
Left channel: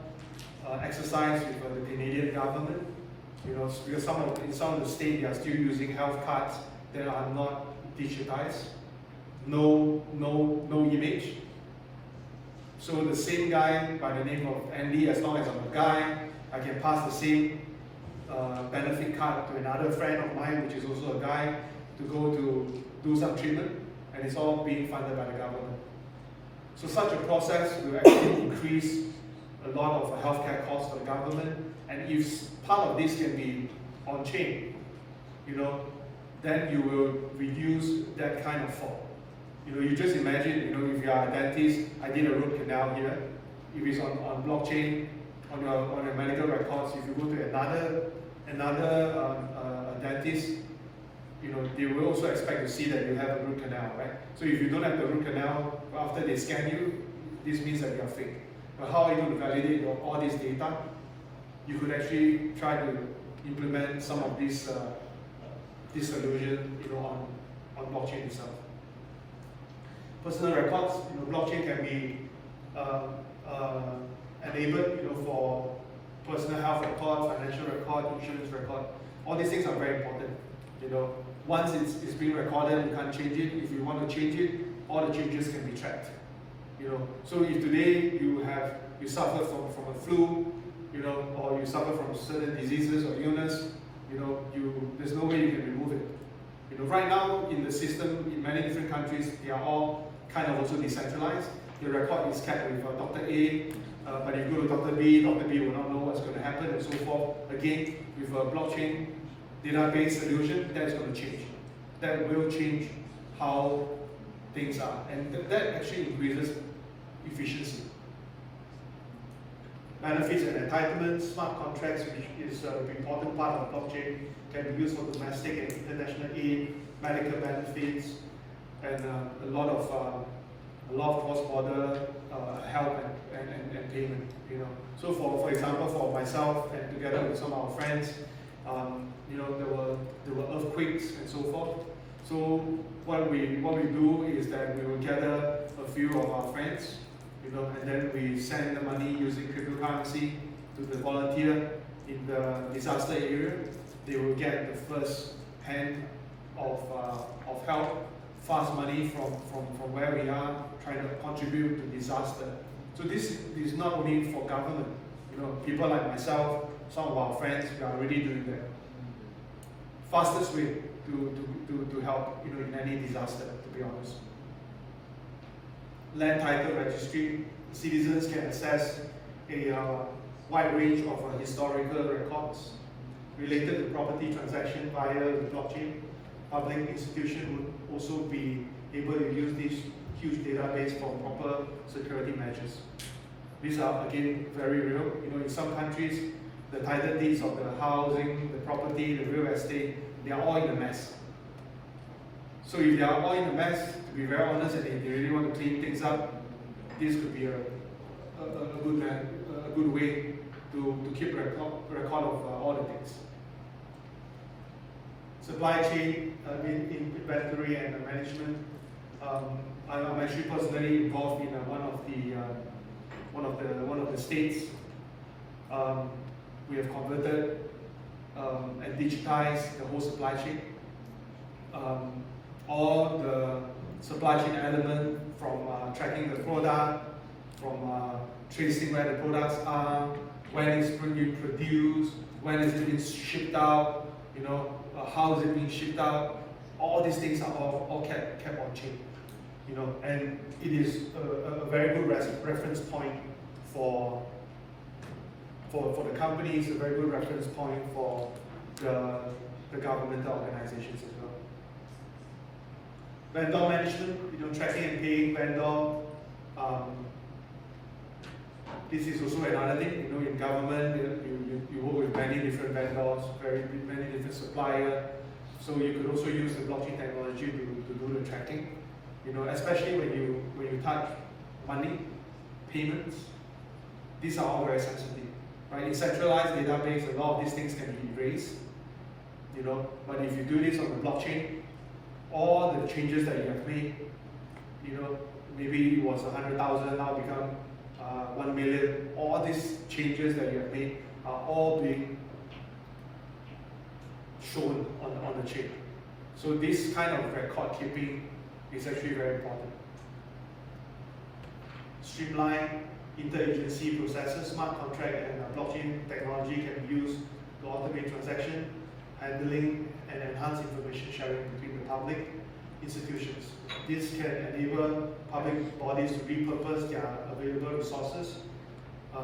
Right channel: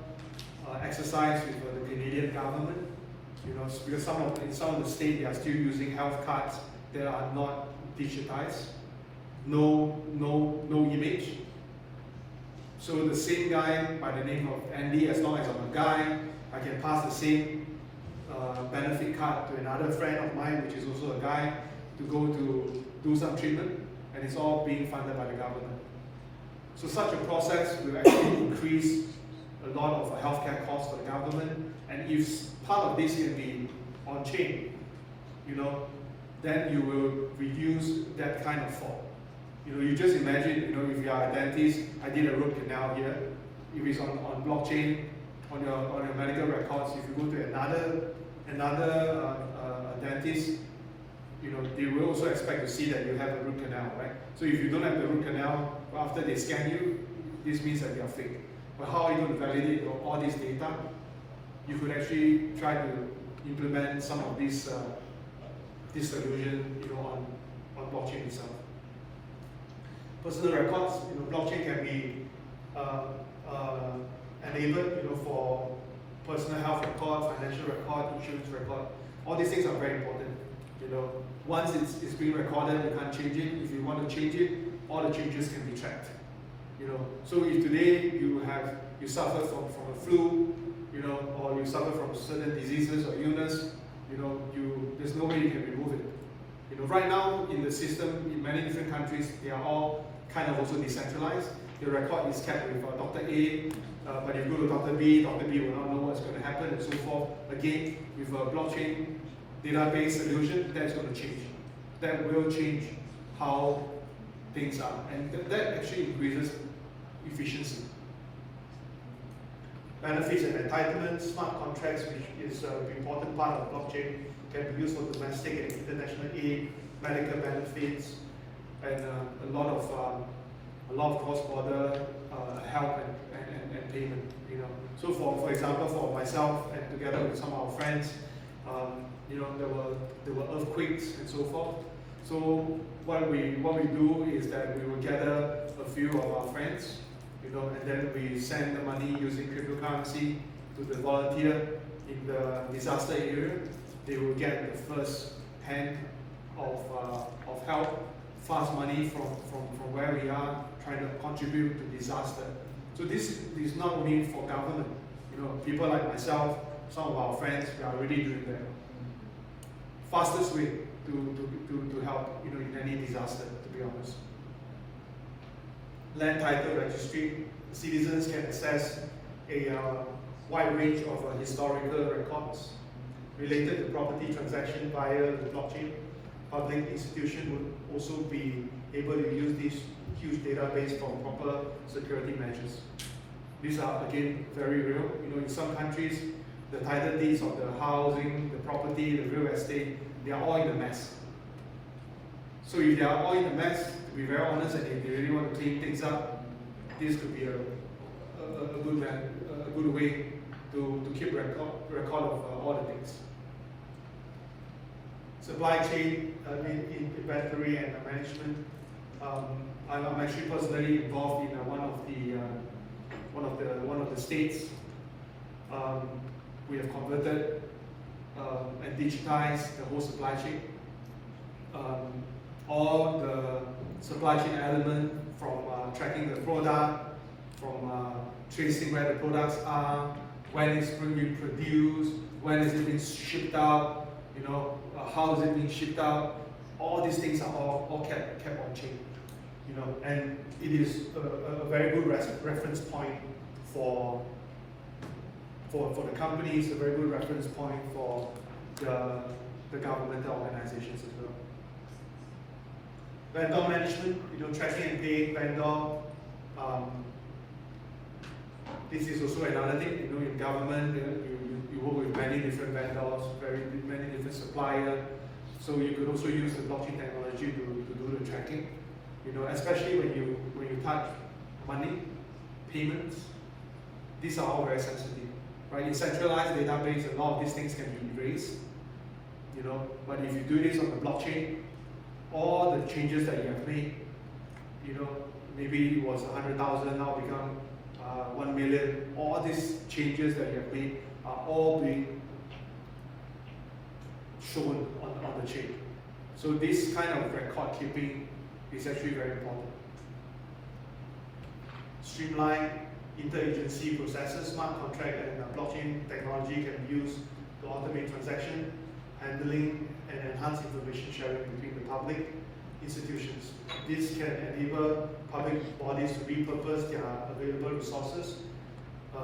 exercise with the Canadian government. Because in some of the states they are still using health cards that are not digitized, no image. So the same guy by the name of Andy, as long as I'm a guy, I can pass the same benefit card to another friend of mine, which is also a guy, to go to do some treatment, and it's all being funded by the government. So such a process will actually increase a lot of healthcare costs for the government, and if part of this can be on chain, then you will reduce that kind of fraud. You just imagine, if you are a dentist, I did a root canal here. If it's on blockchain, on your medical records, if you go to another dentist, they will also expect to see that you have a root canal, right? So if you don't have the root canal, after they scan you, this means that you are fake. But how are you going to validate all this data? you could actually try to implement some of this solution, on blockchain itself. Personal records, blockchain can be enabled, for personal health record, financial record, insurance record. All these things are very important. Once it's being recorded, you can't change it. If you want to change it, all the changes can be tracked. So if today you suffer from a flu, or you suffer from certain diseases or illness, there's no way you can remove it. Right now in the system, in many different countries, they are all kind of also decentralized. The record is kept with Dr. A, but if you go to Dr. B will not know what's going to happen and so forth. Again, with a blockchain database solution, that's going to change. That will change how things are, and that actually increases efficiency. Benefits and entitlements, smart contracts, which is an important part of blockchain, can be used for domestic and international aid, medical benefits, and a lot of cross-border help and payment. So for example, for myself and together with some of our friends, there were earthquakes and so forth. So what we do is that we will gather a few of our friends, and then we send the money using cryptocurrency to the volunteer in the disaster area. They will get the first hand of help, fast money from where we are, trying to contribute to disaster. So this is not only for government. People like myself, some of our friends, we are already doing that. Fastest way to help, in any disaster, to be honest. Land title registry, citizens can access a wide range of historical records related to property transaction via the blockchain. Public institutions will also be able to use this huge database for proper security measures. These are again very real. In some countries, the title deeds of the housing, the property, the real estate, they are all in a mess. So if they are all in a mess, to be very honest, and if they really want to clean things up, this could be a good way to keep record of all the things. Supply chain, inventory and management. I'm actually personally involved in one of the states. We have converted and digitized the whole supply chain. All the supply chain element, from tracking the product, from tracing where the products are, when it's being produced, when it's being shipped out, how is it being shipped out. All these things are all kept on chain. And it is a very good reference point for the companies, a very good reference point for the governmental organizations as well. Vendor management, tracking and paying vendor. This is also another thing. In government, you work with many different vendors, many different suppliers. So you could also use the blockchain technology to do the tracking. Especially when you touch money, payments. These are all very sensitive, right? In centralized database, a lot of these things can be erased. But if you do this on the blockchain, all the changes that you have made, maybe it was 100,000, now become 1 million. All these changes that you have made are all being shown on the chain. So this kind of record keeping is actually very important. Streamline, interagency processes, smart contract and blockchain technology can be used to automate transaction, handling, and enhance information sharing between the public institutions. This can enable public bodies to repurpose their available resources,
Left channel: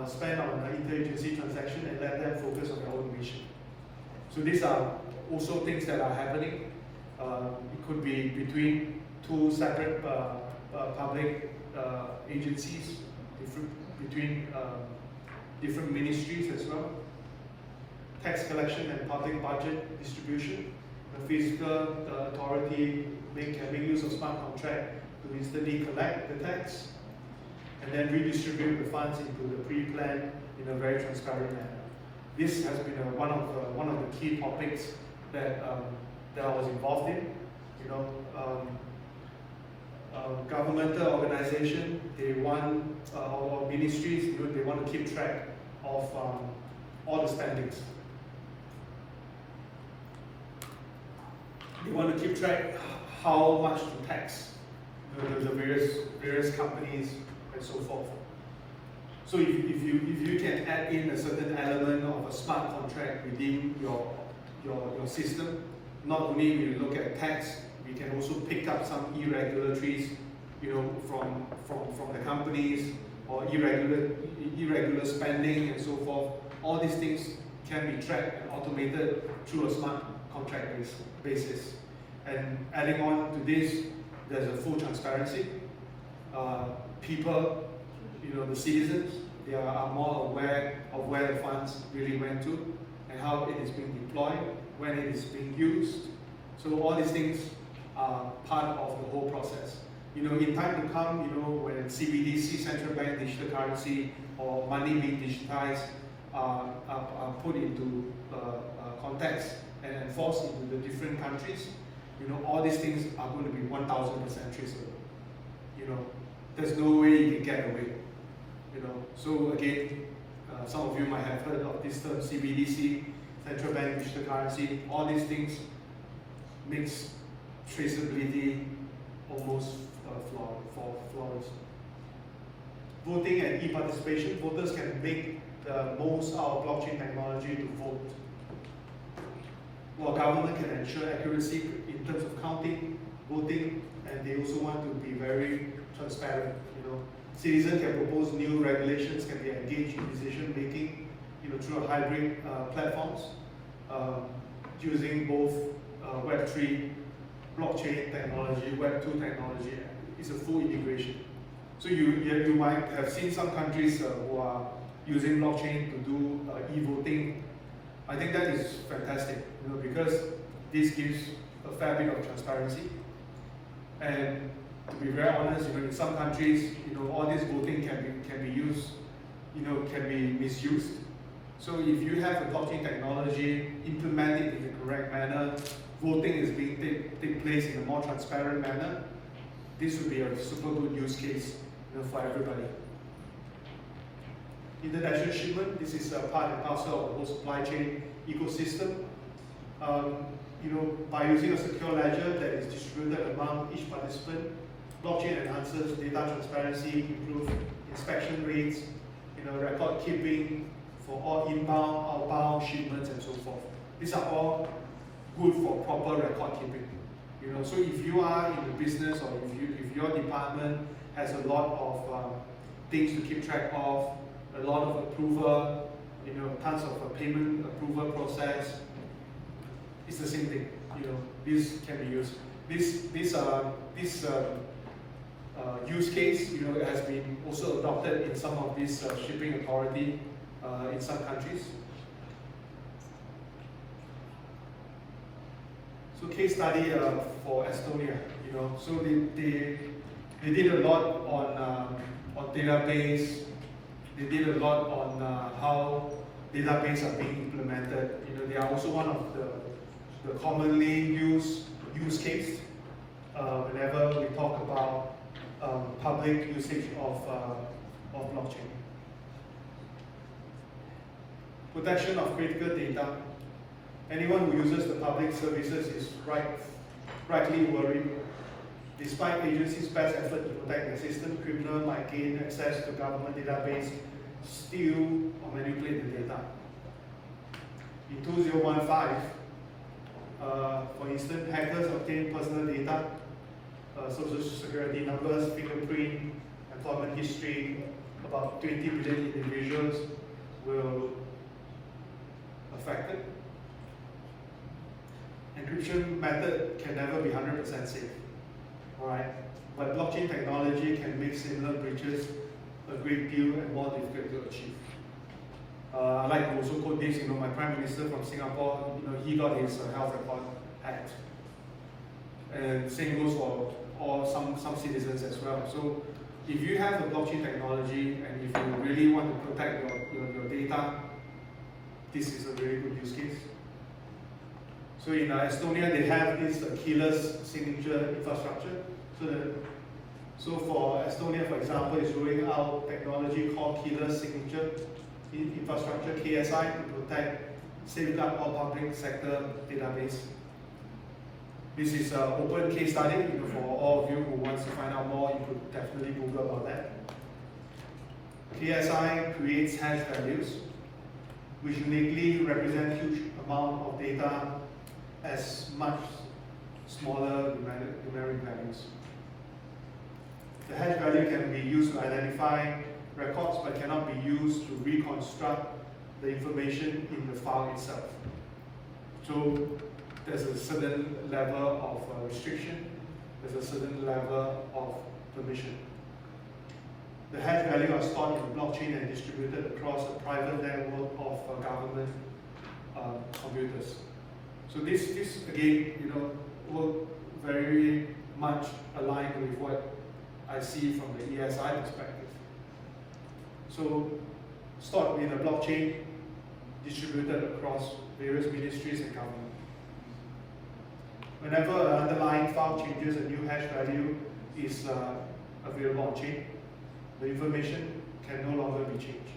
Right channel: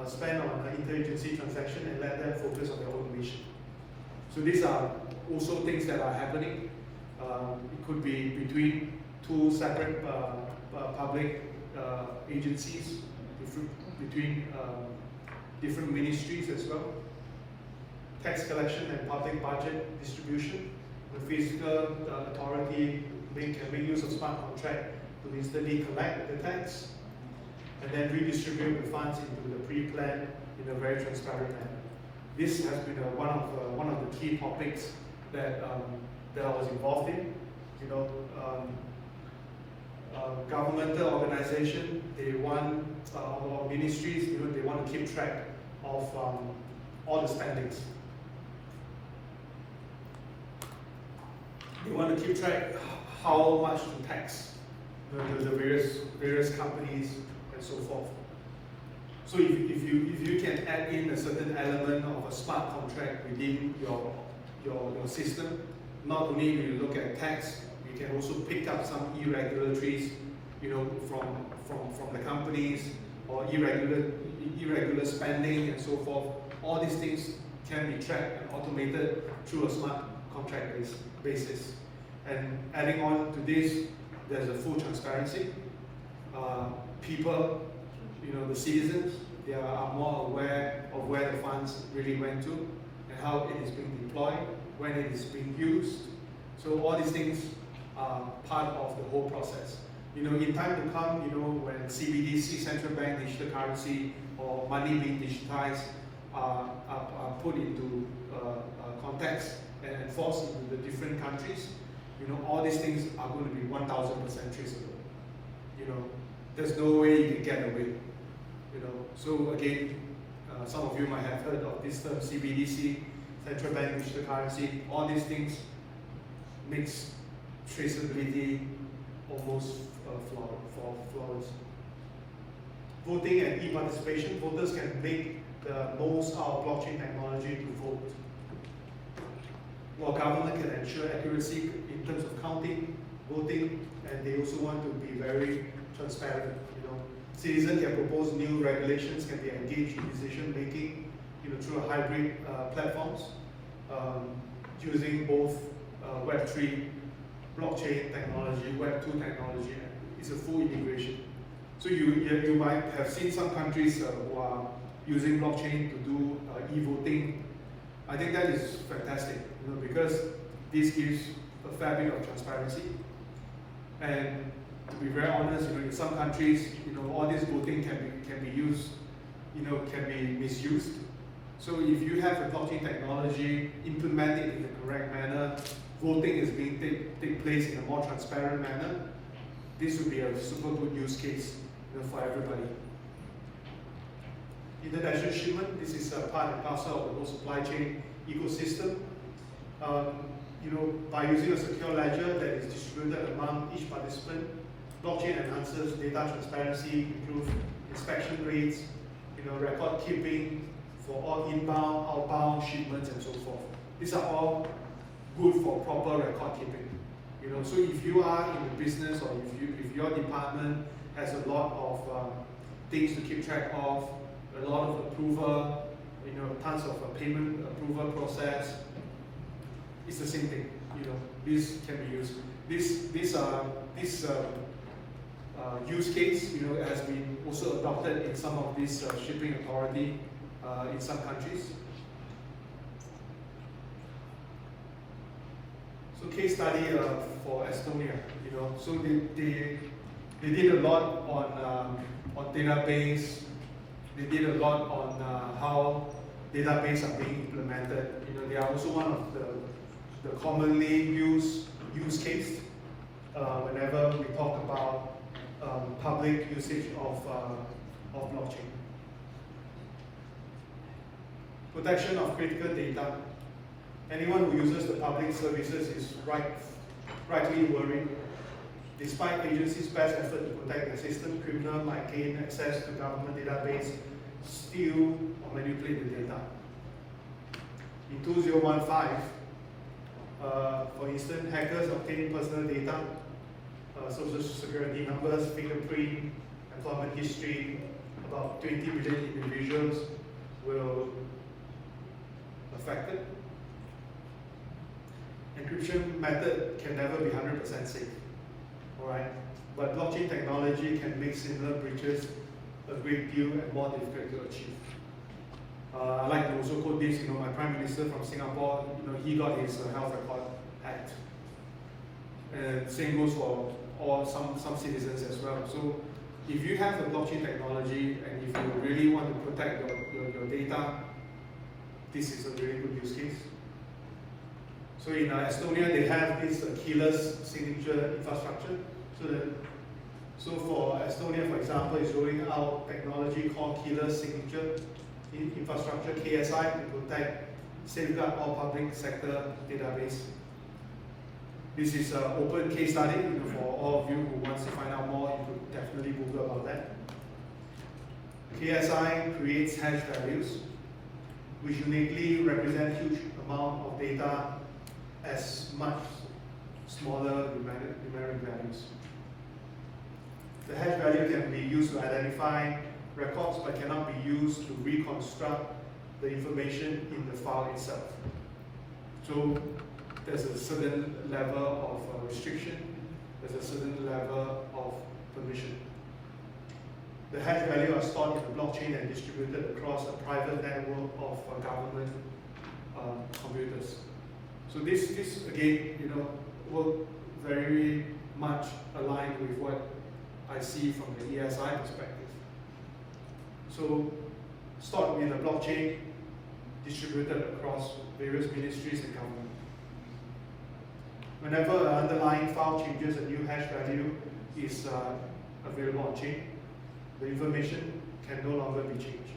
spend on interagency transaction, and let them focus on their own mission. So these are also things that are happening. It could be between two separate public agencies, between different ministries as well. Tax collection and public budget distribution. The fiscal authority can make use of smart contract to instantly collect the tax and then redistribute the funds into the pre-planned in a very transparent manner. this has been one of the key topics that that I was involved in. You know, governmental organization, they want or ministries, you know, they want to keep track of all the spendings. They want to keep track how much to tax the various companies and so forth. So if you can add in a certain element of a smart contract within your system, not only will you look at tax, you can also pick up some irregularities, you know, from the companies, or irregular spending and so forth. All these things can be tracked and automated through a smart contract basis. And adding on to this, there's a full transparency. People, you know, the citizens, they are more aware of where the funds really went to and how it is being deployed, when it is being used. So all these things are part of the whole process. You know, in time to come, you know, when CBDC, central bank digital currency, or money being digitized are put into context and enforced into the different countries, you know, all these things are going to be 1000% traceable. You know, there's no way you can get away. You know, so again, some of you might have heard of this term CBDC, central bank digital currency. All these things makes traceability almost flawless. Voting and e-participation, voters can make the most out of blockchain technology to vote. While government can ensure accuracy in terms of counting, voting, and they also want to be very transparent. You know, citizens can propose new regulations, can be engaged in decision making, you know, through hybrid platforms, using both Web3, blockchain technology, Web2 technology. It's a full integration. So you might have seen some countries who are using blockchain to do e-voting. I think that is fantastic, you know, because this gives a fair bit of transparency. And to be very honest, you know, in some countries, you know, all this voting can be used, you know, can be misused. So if you have a blockchain technology, implement it in the correct manner, voting is being take place in a more transparent manner, this would be a super good use case, you know, for everybody. International shipment, this is a part and parcel of the whole supply chain ecosystem. You know, by using a secure ledger that is distributed among each participant, blockchain enhances data transparency, improves inspection rates, you know, record keeping for all inbound, outbound shipments and so forth. These are all good for proper record keeping. You know, so if you are in a business, or if your department has a lot of things to keep track of, a lot of approval, you know, tons of payment approval process, it's the same thing. You know, this can be used. This use case, you know, has been also adopted in some of these shipping authority in some countries. So case study for Estonia, you know, so they did a lot on database. They did a lot on how database are being implemented. You know, they are also one of the commonly used use case whenever we talk about public usage of blockchain. Protection of critical data. Anyone who uses the public services is rightly worried. Despite agencies' best effort to protect the system, criminals might gain access to government database, steal or manipulate the data. In 2015, for instance, hackers obtained personal data, social security numbers, fingerprint, employment history. About 20 million individuals were affected. Encryption method can never be 100% safe. Alright, but blockchain technology can make similar breaches a great deal and more difficult to achieve. I like to also quote this, you know, my Prime Minister from Singapore, you know, he got his health record hacked. And same goes for some citizens as well. So if you have the blockchain technology and if you really want to protect your data, this is a very good use case. So in Estonia, they have this keyless signature infrastructure. So for Estonia, for example, is rolling out technology called keyless signature infrastructure, KSI, to protect, safeguard all public sector database. This is an open case study. For all of you who wants to find out more, you could definitely Google about that. KSI creates hash values, which uniquely represent huge amount of data as much smaller numeric values. The hash value can be used to identify records, but cannot be used to reconstruct the information in the file itself. So there's a certain level of restriction, there's a certain level of permission. The hash value are stored in the blockchain and distributed across a private network of government computers. So this again, will very much align with what I see from the ESI perspective. So stored in a blockchain, distributed across various ministries and government. Whenever an underlying file changes, a new hash value is available on chain. The information can no longer be changed.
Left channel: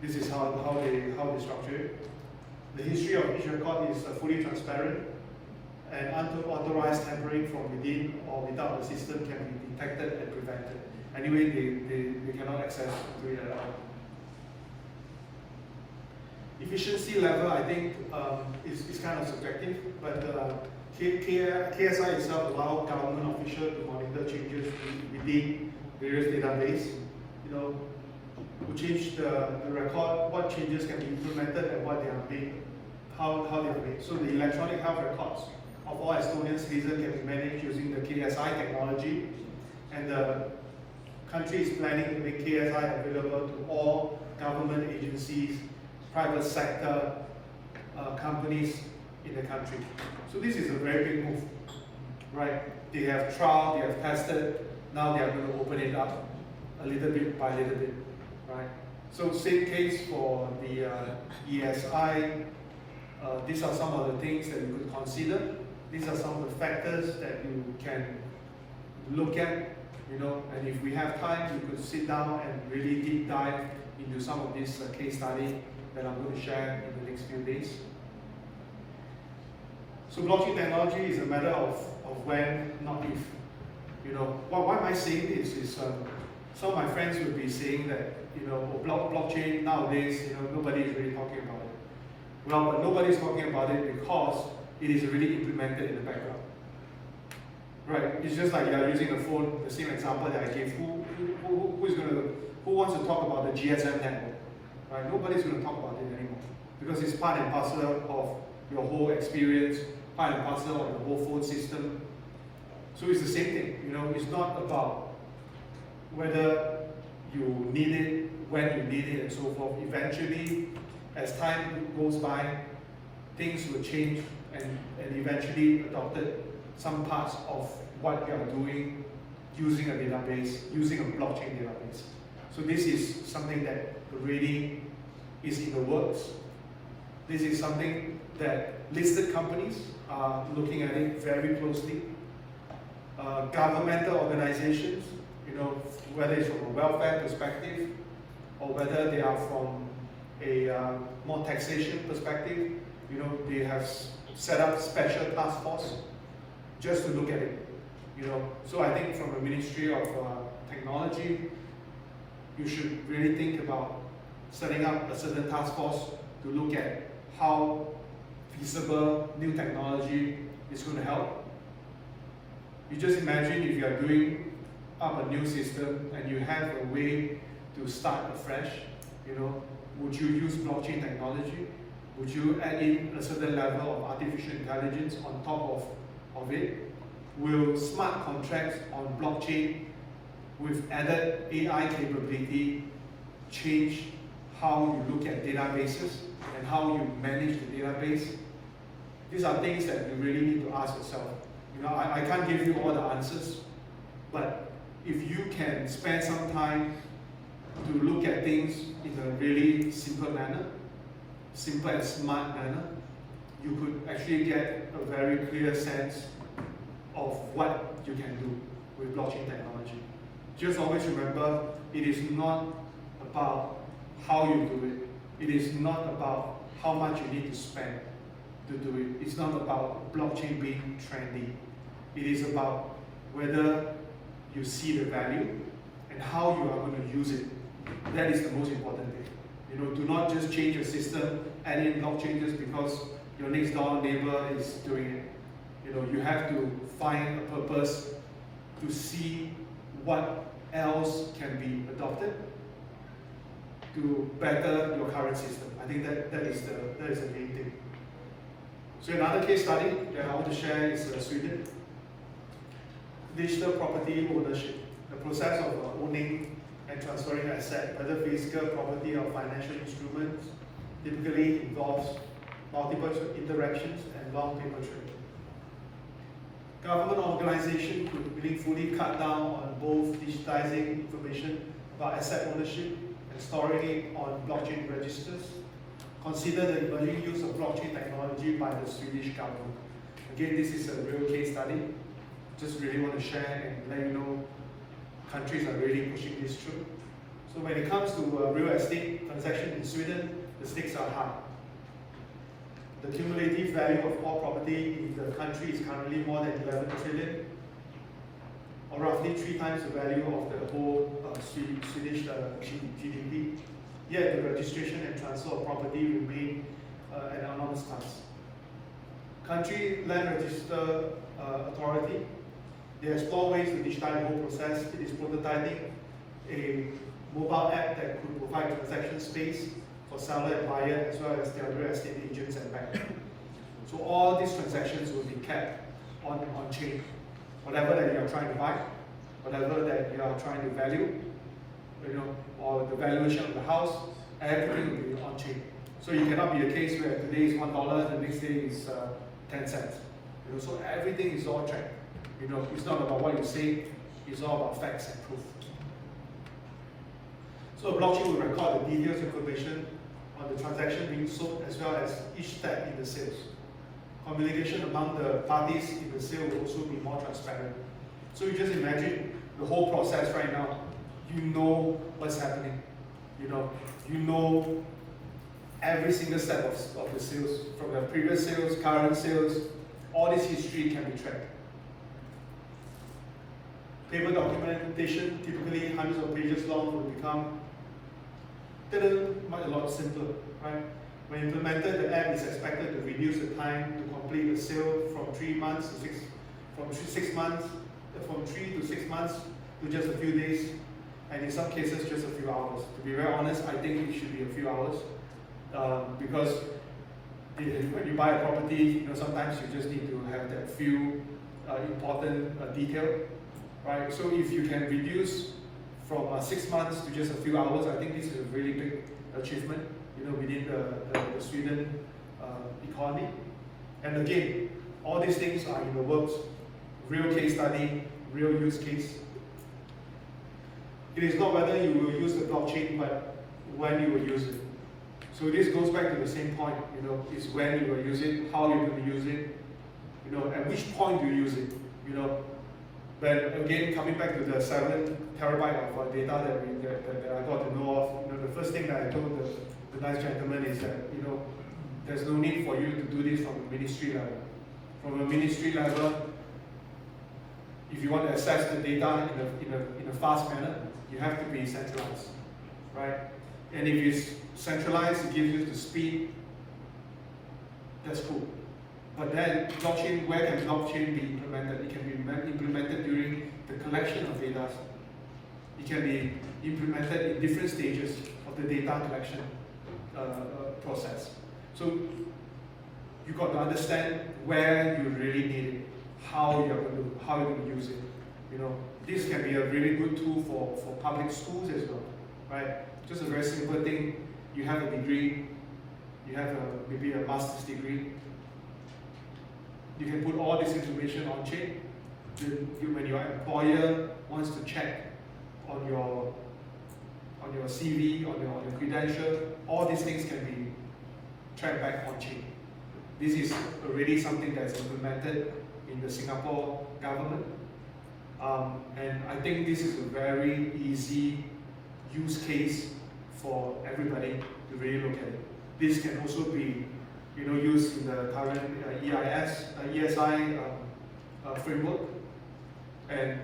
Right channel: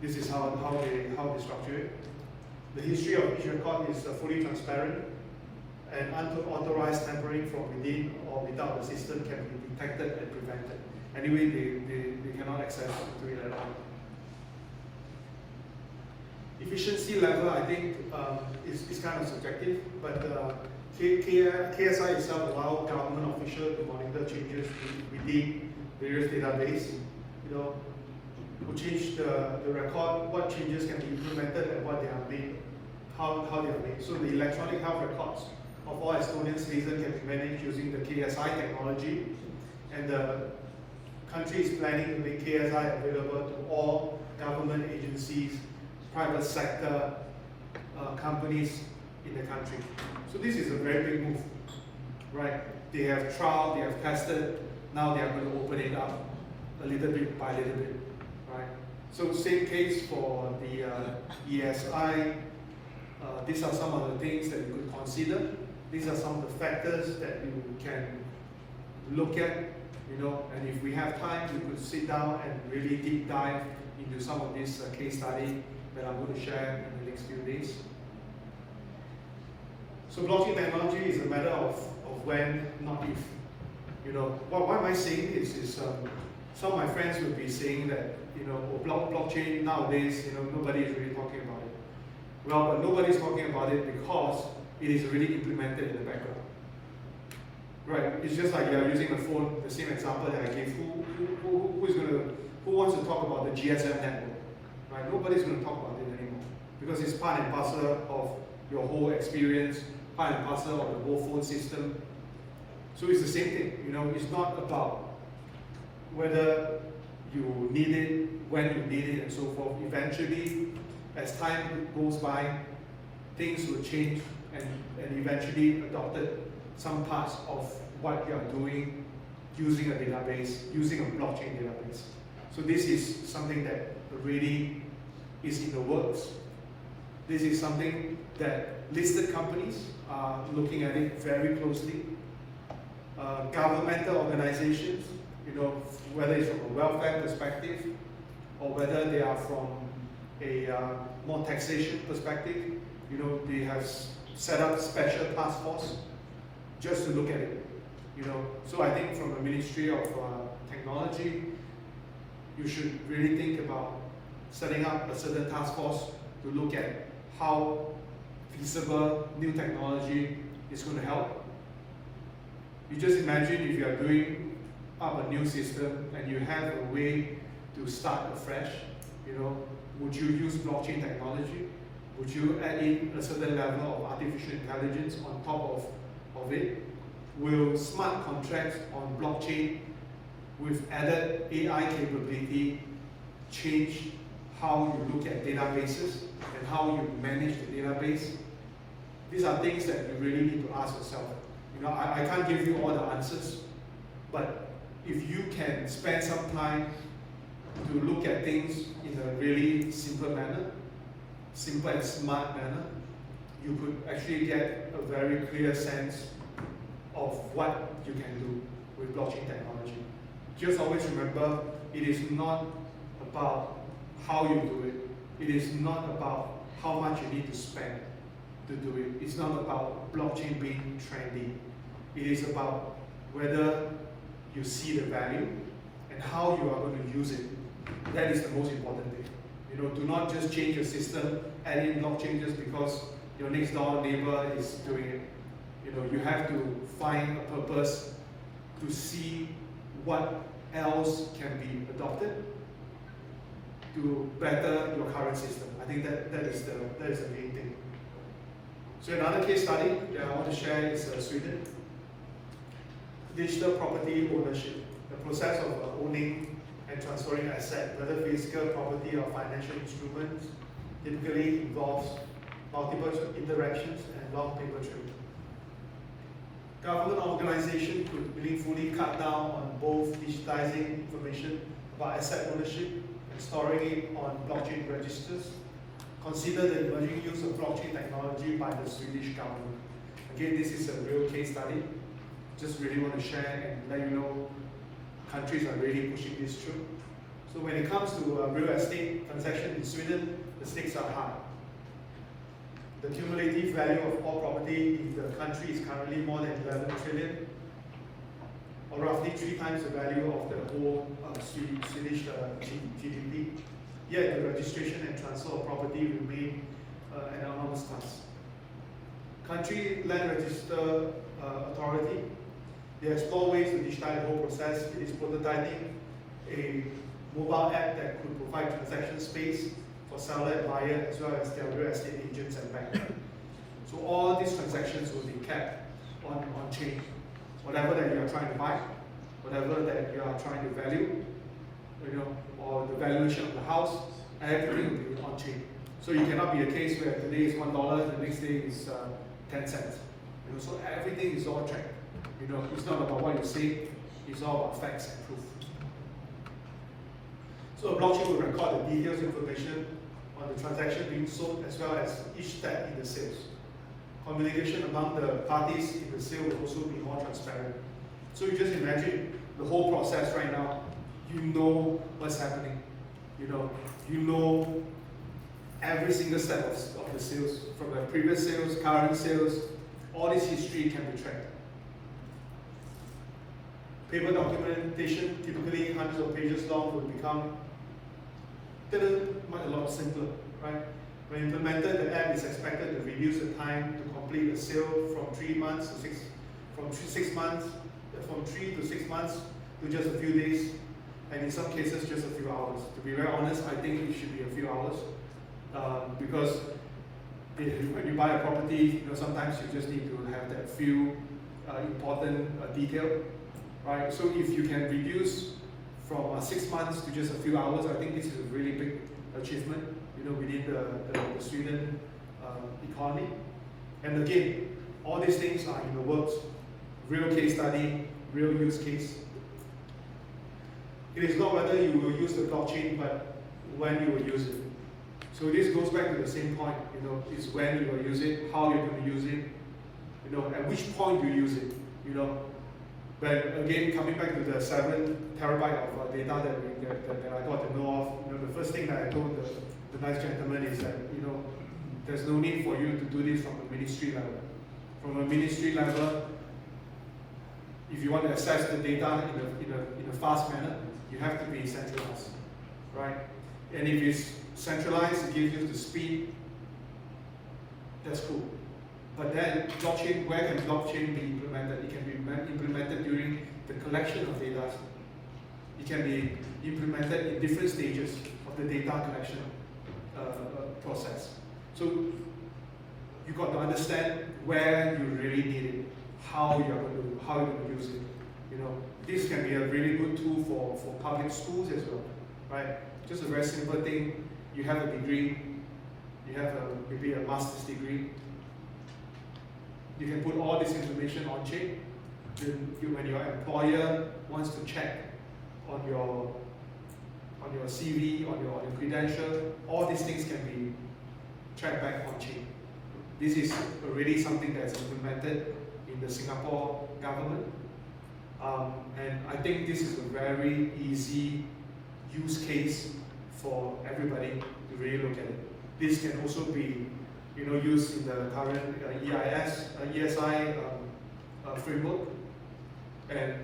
This is how they structure it. The history of each record is fully transparent, and unauthorized tampering from within or without the system can be detected and prevented. Anyway, they cannot access to it at all. Efficiency level, I think, is kind of subjective, but KSI itself allows government officials to monitor changes within various databases. Who change the record, what changes can be implemented and what they are made, how they are made. So the electronic health records of all Estonian citizens can be managed using the KSI technology, and the country is planning to make KSI available to all government agencies, private sector companies in the country. So this is a very big move, right? They have tried, they have tested, now they are going to open it up a little bit by little bit, right? So same case for the ESI. These are some of the things that you could consider. These are some of the factors that you can look at, and if we have time, we could sit down and really deep dive into some of these case studies that I'm going to share in the next few days. So blockchain technology is a matter of when, not if. Why am I saying this is some of my friends will be saying that blockchain nowadays, nobody is really talking about it. Well, but nobody's talking about it because it is really implemented in the background. Right? It's just like you're using a phone, the same example that I gave. Who wants to talk about the GSM network? Right? Nobody's going to talk about it anymore because it's part and parcel of your whole experience, part and parcel of the whole phone system. So it's the same thing. It's not about whether you need it, when you need it, and so forth. Eventually, as time goes by, things will change and eventually adopted some parts of what you are doing using a database, using a blockchain database. So this is something that already is in the works. This is something that listed companies are looking at it very closely. Governmental organizations, whether it's from a welfare perspective or whether they are from a more taxation perspective, they have set up special task force just to look at it. So I think from the Ministry of Technology, you should really think about setting up a certain task force to look at how feasible new technology is going to help. You just imagine if you are doing up a new system and you have a way to start afresh, would you use blockchain technology? Would you add in a certain level of artificial intelligence on top of it? Will smart contracts on blockchain with added AI capability change how you look at databases and how you manage the database? These are things that you really need to ask yourself. I can't give you all the answers, but if you can spend some time to look at things in a really simple manner, simple and smart manner, you could actually get a very clear sense of what you can do with blockchain technology. Just always remember, it is not about how you do it. It is not about how much you need to spend to do it. It's not about blockchain being trendy. It is about whether you see the value and how you are going to use it. That is the most important thing. Do not just change your system, add in blockchain just because your next door neighbor is doing it. You have to find a purpose to see what else can be adopted to better your current system. I think that is the main thing. So another case study that I want to share is Sweden. Digital property ownership. The process of owning and transferring assets, whether physical property or financial instruments, typically involves multiple interactions and long paper trail. Government organization could meaningfully cut down on both digitizing information about asset ownership and storing it on blockchain registers. Consider the emerging use of blockchain technology by the Swedish government. Again, this is a real case study. Just really want to share and let you know countries are really pushing this through. So when it comes to real estate transaction in Sweden, the stakes are high. The cumulative value of all property in the country is currently more than 11 trillion, or roughly 3 times the value of the whole Swedish GDP. Yet the registration and transfer of property remain an enormous task. Country Land Register Authority, they explore ways to digitize the whole process. It is prototyping a mobile app that could provide transaction space for seller and buyer, as well as their real estate agents and banks. So all these transactions will be kept on chain. Whatever that you are trying to buy, whatever that you are trying to value, or the valuation of the house, everything will be on chain. So you cannot be a case where today is $1, the next day is 10 cents. So everything is all tracked. It's not about what you say, it's all about facts and proof. So a blockchain will record the details information on the transaction being sold, as well as each step in the sales. Communication among the parties in the sale will also be more transparent. So you just imagine the whole process right now. You know what's happening. You know every single step of the sales, from the previous sales, current sales, all this history can be tracked. Paper documentation, typically hundreds of pages long, will become a lot simpler, right? When implemented, the app is expected to reduce the time to complete a sale from 3 to 6 months to just a few days, and in some cases just a few hours. To be very honest, I think it should be a few hours, because when you buy a property, sometimes you just need to have that few important detail, right? So if you can reduce from 6 months to just a few hours, I think this is a really big achievement, within the Sweden economy. And again, all these things are in the works. Real case study, real use case. It is not whether you will use the blockchain, but when you will use it. So this goes back to the same point, is when you will use it, how you're going to use it, at which point you use it, But again, coming back to the 7 terabyte of data that I got to know of, the first thing that I told the nice gentleman is that, there's no need for you to do this from a ministry level. From a ministry level, if you want to access the data in a fast manner, you have to be centralized, right? And if it's centralized, it gives you the speed. That's cool. But then, blockchain, where can blockchain be implemented? It can be implemented during the collection of data. It can be implemented in different stages of the data collection process. So you got to understand where you really need it, how you're going to use it. This can be a really good tool for public schools as well, right? Just a very simple thing. You have a degree, you have maybe a master's degree. You can put all this information on chain. When your employer wants to check on your CV, on your credential, all these things can be track back on chain. This is already something that's implemented in the Singapore government. And I think this is a very easy use case for everybody to really look at it. This can also be used in the current ESI framework. And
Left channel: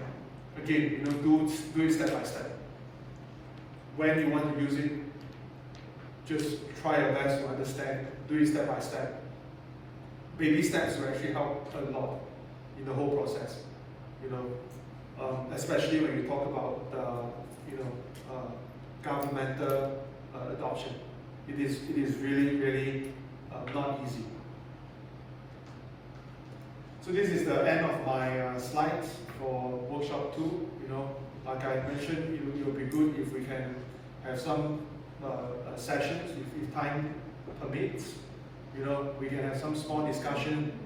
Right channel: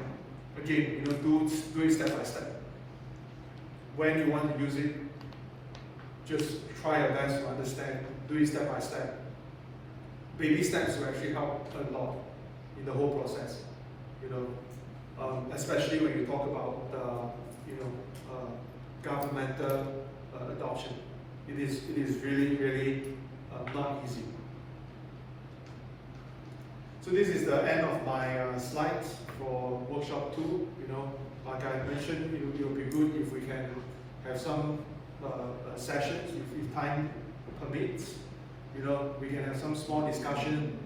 again, do it step by step. When you want to use it, just try your best to understand, do it step by step. Baby steps will actually help a lot in the whole process. Especially when we talk about governmental adoption. It is really not easy. So this is the end of my slides for workshop 2. Like I mentioned, it will be good if we can have some sessions, if time permits. We can have some small discussion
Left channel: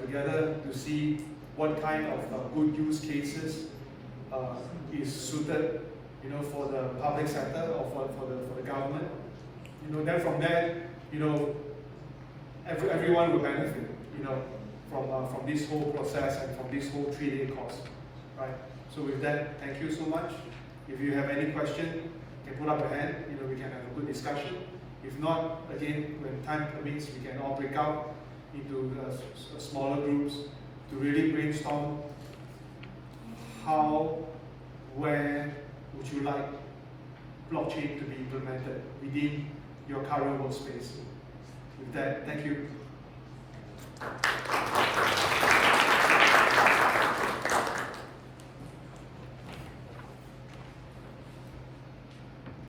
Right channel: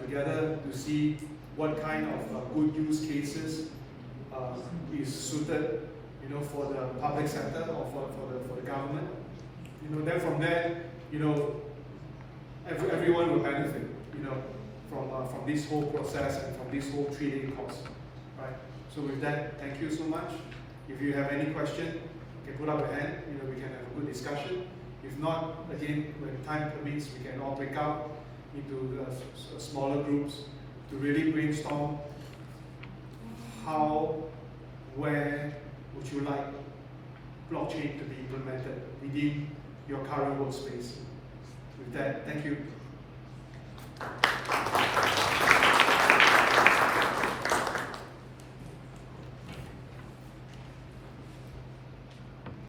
together to see what kind of good use cases is suited, for the public sector or for the government. Then from there, everyone will benefit, from this whole process and from this whole 3-day course, right? So with that, thank you so much. If you have any question, you can put up a hand. We can have a good discussion. If not, again, when time permits, we can all break out into smaller groups to really brainstorm how, where would you like blockchain to be implemented within your current workspace. With that, thank you.